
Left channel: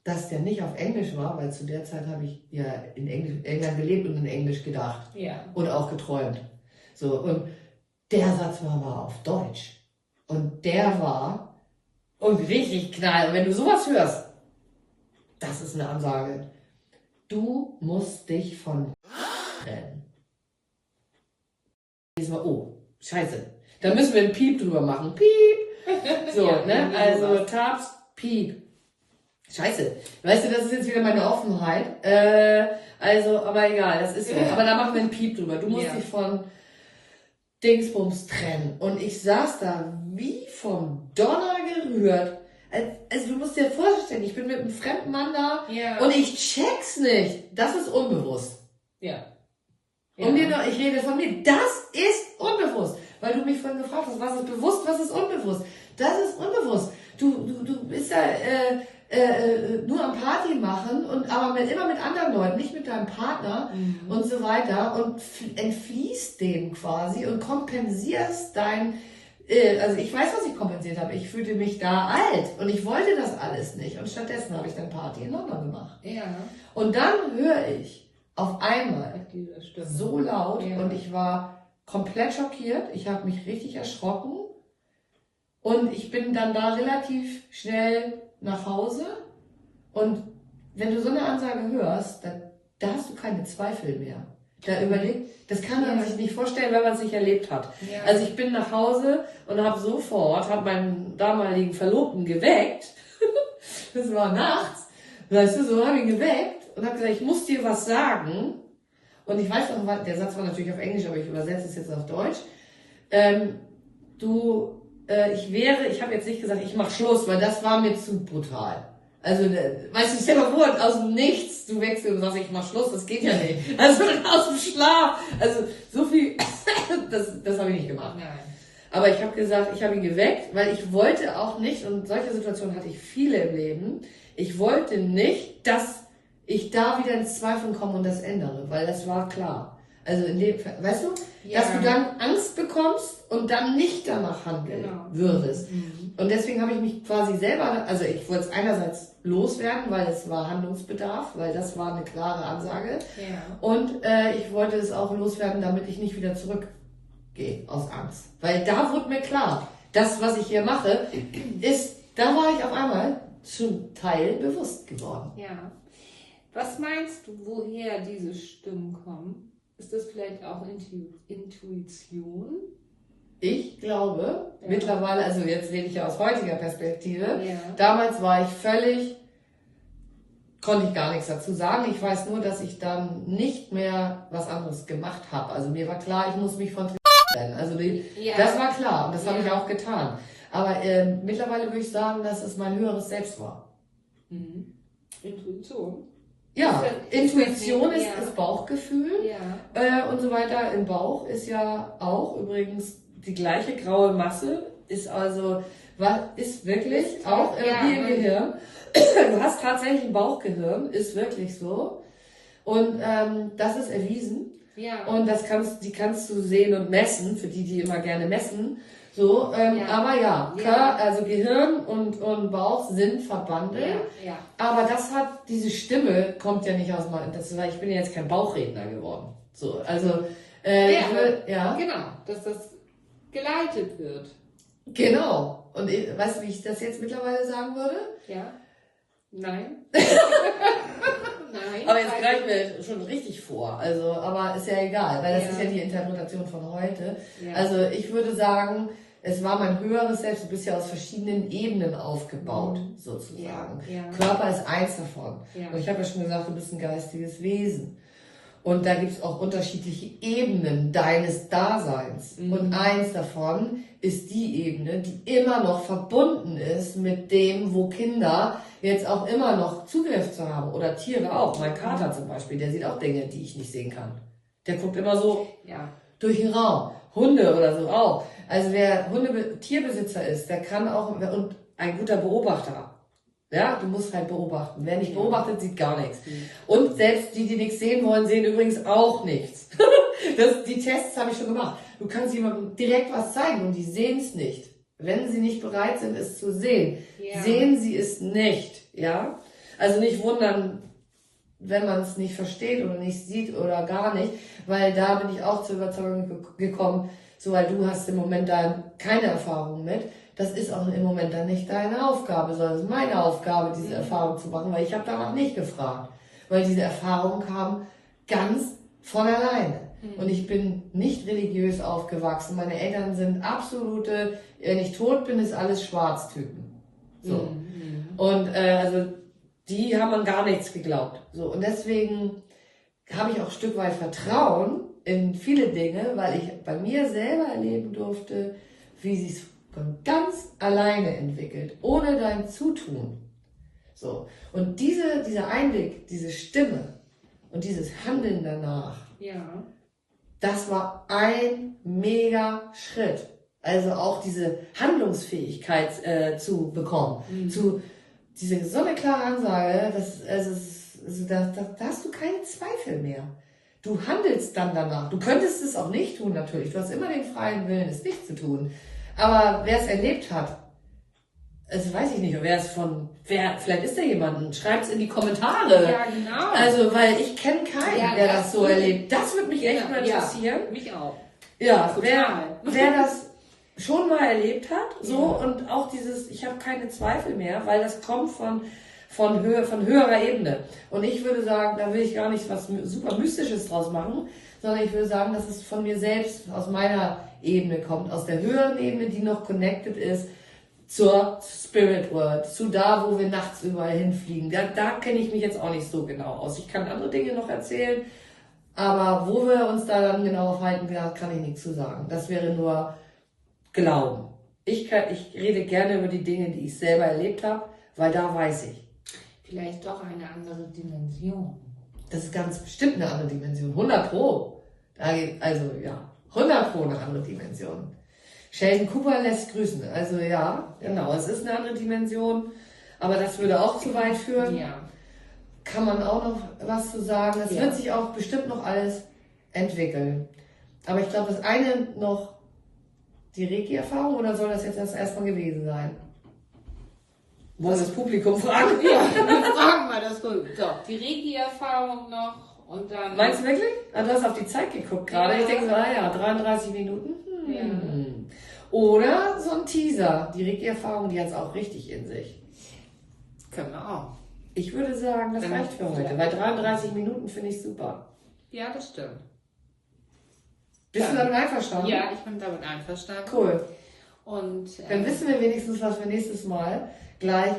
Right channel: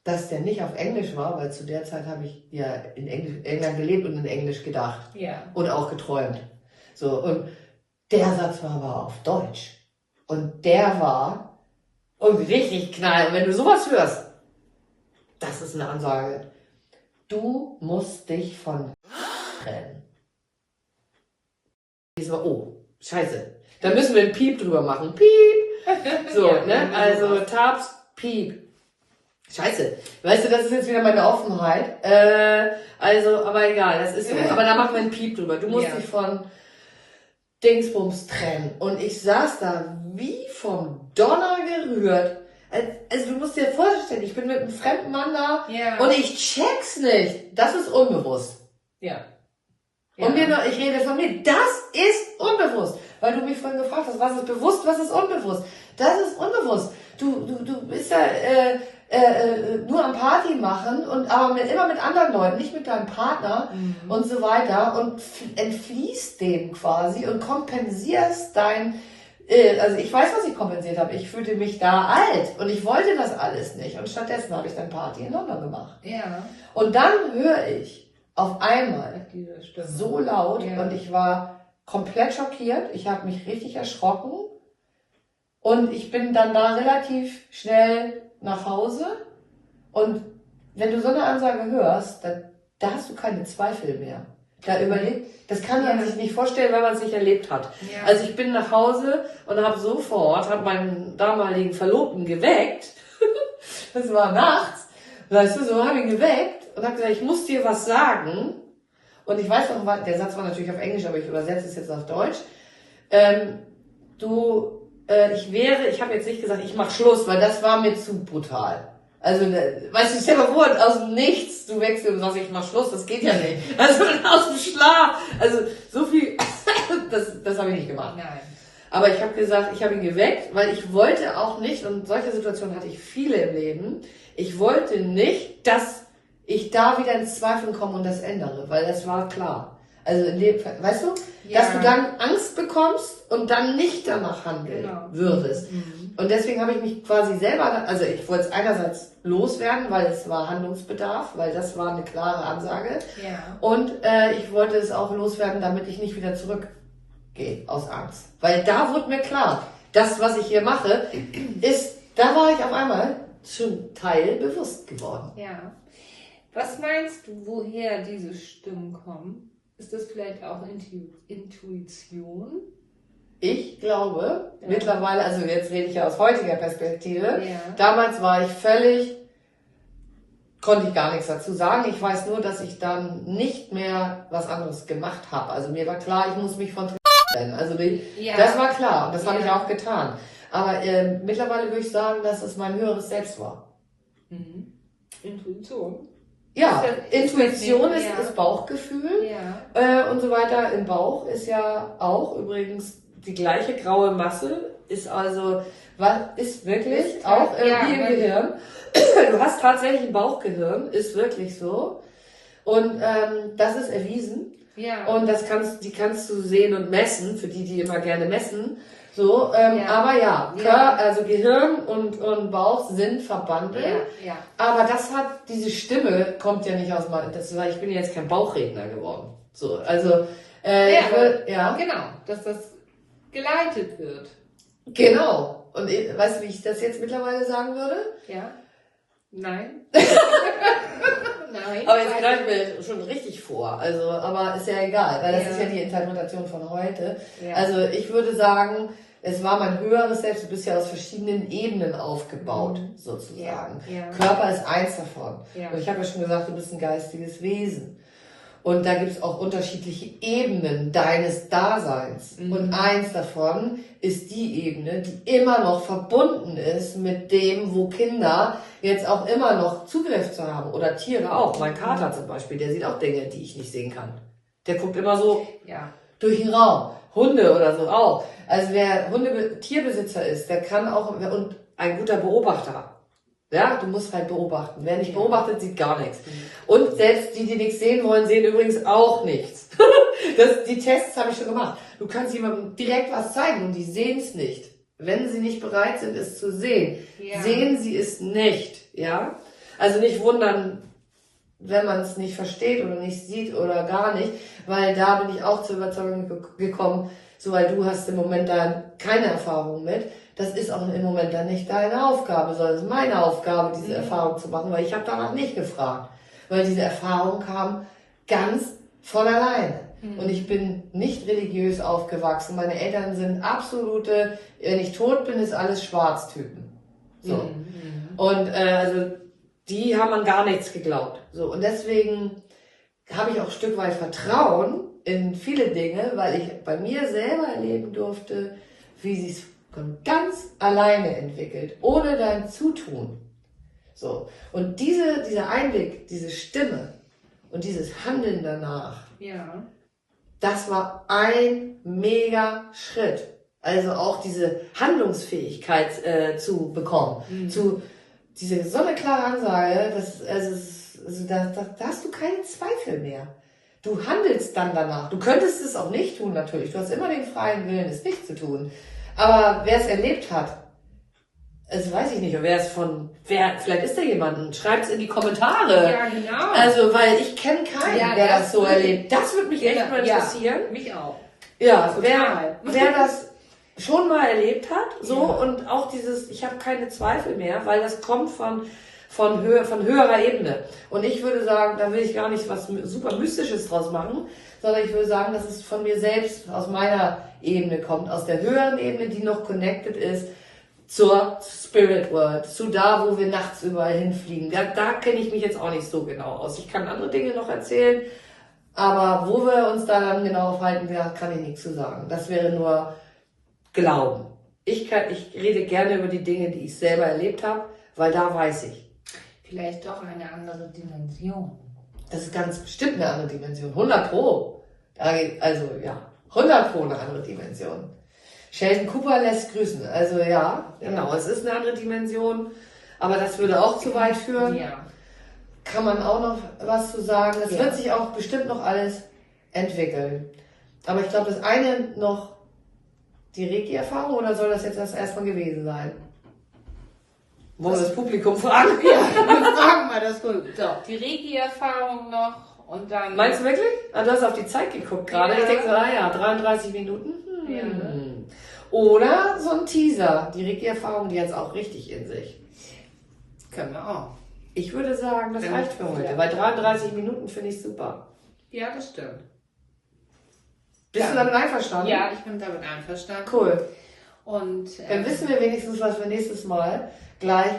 dass der nicht auf Englisch war, weil zu der Zeit habe ich ja in England gelebt und in Englisch gedacht und auch geträumt. So, und der Satz war aber auf Deutsch. Und der war richtig knall. Und wenn du sowas hörst, das ist eine Ansage. Du musst dich von trennen. Oh, scheiße. Da müssen wir einen Piep drüber machen. Piep. So, ne? Also Tabs, Piep. Scheiße. Weißt du, das ist jetzt wieder meine Offenheit. Aber egal, das ist so. Aber da machen wir einen Piep drüber. Du musst dich von Dingsbums trennen. Und ich saß da wie vom Donner gerührt. Also du musst dir vorstellen, ich bin mit einem fremden Mann da und ich check's nicht. Das ist unbewusst. Und ich rede von mir. Das ist unbewusst. Weil du mich vorhin gefragt hast, was ist bewusst, was ist unbewusst. Das ist unbewusst. Du bist ja nur am Party machen aber immer mit anderen Leuten, nicht mit deinem Partner und so weiter und entfliehst dem quasi und kompensierst also ich weiß, was ich kompensiert habe. Ich fühlte mich da alt und ich wollte das alles nicht und stattdessen habe ich dann Party in London gemacht. Und dann höre ich auf einmal so laut und ich war komplett schockiert. Ich habe mich richtig erschrocken und ich bin dann da relativ schnell nach Hause und wenn du so eine Ansage hörst, da hast du keine Zweifel mehr. Das kann man sich nicht vorstellen, wenn man es nicht erlebt hat. Also ich bin nach Hause und habe meinen damaligen Verlobten geweckt. Das war nachts. Weißt du, so habe ich ihn geweckt und habe gesagt, ich muss dir was sagen. Und ich weiß noch, der Satz war natürlich auf Englisch, aber ich übersetze es jetzt auf Deutsch. Ich habe jetzt nicht gesagt, ich mache Schluss, weil das war mir zu brutal. Also, weißt du, stell dir mal vor, aus dem Nichts, du wächst und sagst, ich mach Schluss, das geht ja nicht. Also, aus dem Schlaf. Also, so viel, das habe ich nicht gemacht. Nein. Aber ich habe gesagt, ich habe ihn geweckt, weil ich wollte auch nicht, und solche Situationen hatte ich viele im Leben, ich wollte nicht, dass ich da wieder ins Zweifeln komme und das ändere, weil das war klar. Also, weißt du, dass du dann Angst bekommst und dann nicht danach handeln würdest. Und deswegen habe ich mich quasi selber, also ich wollte es einerseits loswerden, weil es war Handlungsbedarf, weil das war eine klare Ansage. Und ich wollte es auch loswerden, damit ich nicht wieder zurückgehe aus Angst. Weil da wurde mir klar, das, was ich hier mache, da war ich auf einmal schon teilbewusst geworden. Was meinst du, woher diese Stimmen kommen? Ist das vielleicht auch Intuition? Ich glaube, mittlerweile, also jetzt rede ich ja aus heutiger Perspektive, damals war ich konnte ich gar nichts dazu sagen. Ich weiß nur, dass ich dann nicht mehr was anderes gemacht habe. Also mir war klar, ich muss mich von trennen. Also das war klar und das habe ich auch getan. Aber mittlerweile würde ich sagen, dass es mein höheres Selbst war. Intuition. Ja, Intuition ist Ja. das Bauchgefühl Ja. und so weiter. Im Bauch ist ja auch übrigens die gleiche graue Masse, ist also, ist wirklich Ist auch ja, wie im weil- Gehirn. Du hast tatsächlich ein Bauchgehirn, ist wirklich so. Und das ist erwiesen. Ja. Und die kannst du sehen und messen, für die immer gerne messen. So, Ja. aber ja, Ja. Also Gehirn und Bauch sind verbandelt. Ja. Aber diese Stimme kommt ja nicht aus meinem, ich bin ja jetzt kein Bauchredner geworden. So, also, Genau, dass das geleitet wird. Genau. Und weißt du, wie ich das jetzt mittlerweile sagen würde? Ja. Nein. Nein. Aber jetzt greifen wir schon richtig vor. Also, aber ist ja egal, weil das Ja. ist ja die Interpretation von heute. Ja. Also ich würde sagen, es war mein höheres Selbst, du bist ja aus verschiedenen Ebenen aufgebaut, sozusagen. Ja. Körper ist eins davon. Ja. Und ich habe ja schon gesagt, du bist ein geistiges Wesen. Und da gibt es auch unterschiedliche Ebenen deines Daseins. Und eins davon ist die Ebene, die immer noch verbunden ist mit dem, wo Kinder jetzt auch immer noch Zugriff zu haben. Oder Tiere auch. Mein Kater zum Beispiel, der sieht auch Dinge, die ich nicht sehen kann. Der guckt immer so durch den Raum. Hunde oder so auch. Also wer Tierbesitzer ist, der kann auch, und ein guter Beobachter. Ja, du musst halt beobachten. Wer nicht beobachtet, sieht gar nichts. Und selbst die nichts sehen wollen, sehen übrigens auch nichts. Die Tests habe ich schon gemacht. Du kannst jemandem direkt was zeigen und die sehen es nicht. Wenn sie nicht bereit sind, es zu sehen, sehen sie es nicht. Ja? Also nicht wundern, wenn man es nicht versteht oder nicht sieht oder gar nicht, weil da bin ich auch zur Überzeugung gekommen, so weil du hast im Moment da keine Erfahrung mit. Das ist auch im Moment dann nicht deine Aufgabe, sondern es ist meine Aufgabe, diese Erfahrung zu machen, weil ich habe danach nicht gefragt. Weil diese Erfahrung kam ganz von alleine. Und ich bin nicht religiös aufgewachsen. Meine Eltern sind absolute, wenn ich tot bin, ist alles Schwarztypen. So. Und also die haben an gar nichts geglaubt. So. Und deswegen habe ich auch ein Stück weit Vertrauen in viele Dinge, weil ich bei mir selber erleben durfte, wie sie es von ganz alleine entwickelt, ohne dein Zutun. So. Und dieser Einblick, diese Stimme und dieses Handeln danach, das war ein mega Schritt. Also auch diese Handlungsfähigkeit zu bekommen. Diese so eine klare Ansage, da hast du keinen Zweifel mehr. Du handelst dann danach. Du könntest es auch nicht tun, natürlich. Du hast immer den freien Willen, es nicht zu tun. Aber wer es erlebt hat, also weiß ich nicht, vielleicht ist da jemand, schreibt es in die Kommentare. Ja, genau. Also, weil ich kenne keinen, der das so erlebt. Das würde mich echt mal interessieren. Mich auch. Ja, Total. wer das schon mal erlebt hat, so, und auch dieses, ich habe keine Zweifel mehr, weil das kommt von höherer Ebene. Und ich würde sagen, da will ich gar nicht was super Mystisches draus machen, sondern ich würde sagen, dass es von mir selbst, aus meiner Ebene kommt, aus der höheren Ebene, die noch connected ist zur Spirit World, zu da, wo wir nachts überall hinfliegen. Da kenne ich mich jetzt auch nicht so genau aus. Ich kann andere Dinge noch erzählen, aber wo wir uns da dann genau aufhalten, kann ich nichts zu sagen. Das wäre nur Glauben. Ich rede gerne über die Dinge, die ich selber erlebt habe, weil da weiß ich. Vielleicht doch eine andere Dimension. Das ist ganz bestimmt eine andere Dimension. 100 Pro. 100 Pro eine andere Dimension. Sheldon Cooper lässt grüßen. Also ja, genau, es ist eine andere Dimension. Aber das würde auch zu weit führen. Ja. Kann man auch noch was zu sagen. Das wird sich auch bestimmt noch alles entwickeln. Aber ich glaube, das eine noch die Reiki-Erfahrung, oder soll das jetzt das erstmal gewesen sein? Wollen wir das Publikum fragen? Ja, wir fragen mal das so. Die Reiki-Erfahrung noch und dann. Meinst du wirklich? Du hast auf die Zeit geguckt gerade. Ja. Ich denke so, 33 Minuten. Oder so ein Teaser. Die Reiki-Erfahrung, die hat es auch richtig in sich. Können wir auch. Ich würde sagen, das reicht für heute, weil 33 Minuten finde ich super. Ja, das stimmt. Bist du damit einverstanden? Ja, ich bin damit einverstanden. Cool. Und dann wissen wir wenigstens, was wir nächstes Mal gleich.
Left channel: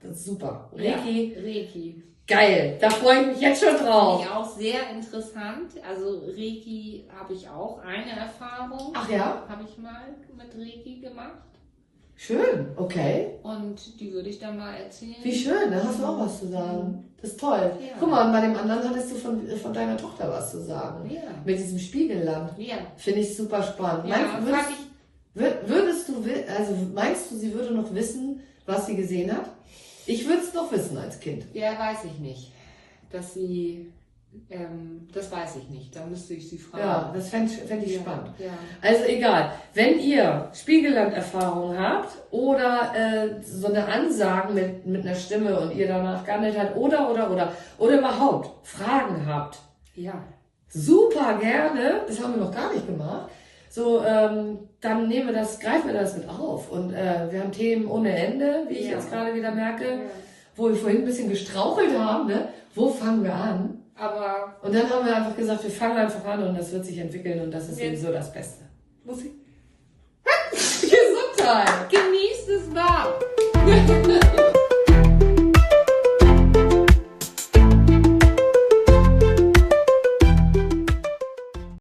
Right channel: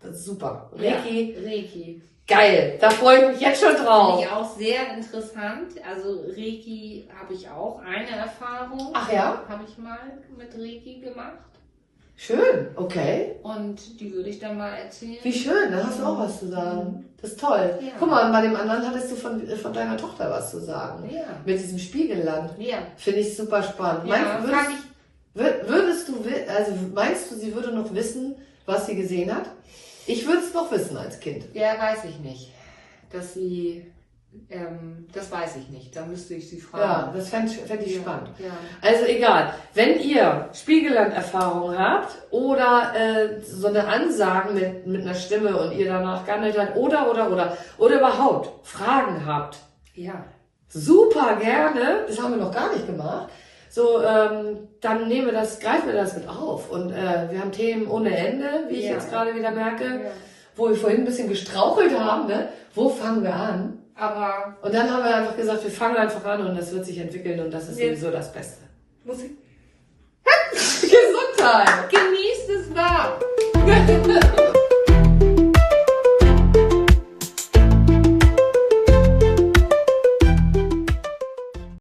Das ist super. Reiki. Ja, Reiki. Geil. Da freue ich mich jetzt schon drauf. Finde ich auch sehr interessant. Also Reiki habe ich auch eine Erfahrung. Ach ja? Habe ich mal mit Reiki gemacht. Schön, okay. Und die würde ich dann mal erzählen. Wie schön, da hast du auch was zu sagen. Das ist toll. Ja. Guck mal, und bei dem anderen hattest du von deiner Tochter was zu sagen. Ja. Mit diesem Spiegelland. Ja. Finde ich super spannend. Ja, Meinst du, sie würde noch wissen, was sie gesehen hat? Ich würde es noch wissen als Kind. Ja, weiß ich nicht. Dass sie, das weiß ich nicht. Da müsste ich sie fragen. Ja, das fände ich spannend. Ja. Also egal, wenn ihr Spiegelland-Erfahrungen habt oder so eine Ansagen mit einer Stimme und ihr danach gehandelt habt oder überhaupt Fragen habt, Ja. super gerne, das haben wir noch gar nicht gemacht, so, dann greifen wir das mit auf. Und wir haben Themen ohne Ende, wie ich jetzt gerade wieder merke, wo wir vorhin ein bisschen gestrauchelt haben, ne? Wo fangen wir an? Aber. Und dann haben wir einfach gesagt, wir fangen einfach an und das wird sich entwickeln und das ist sowieso das Beste. Muss ich. Gesundheit! Genießt es wahr!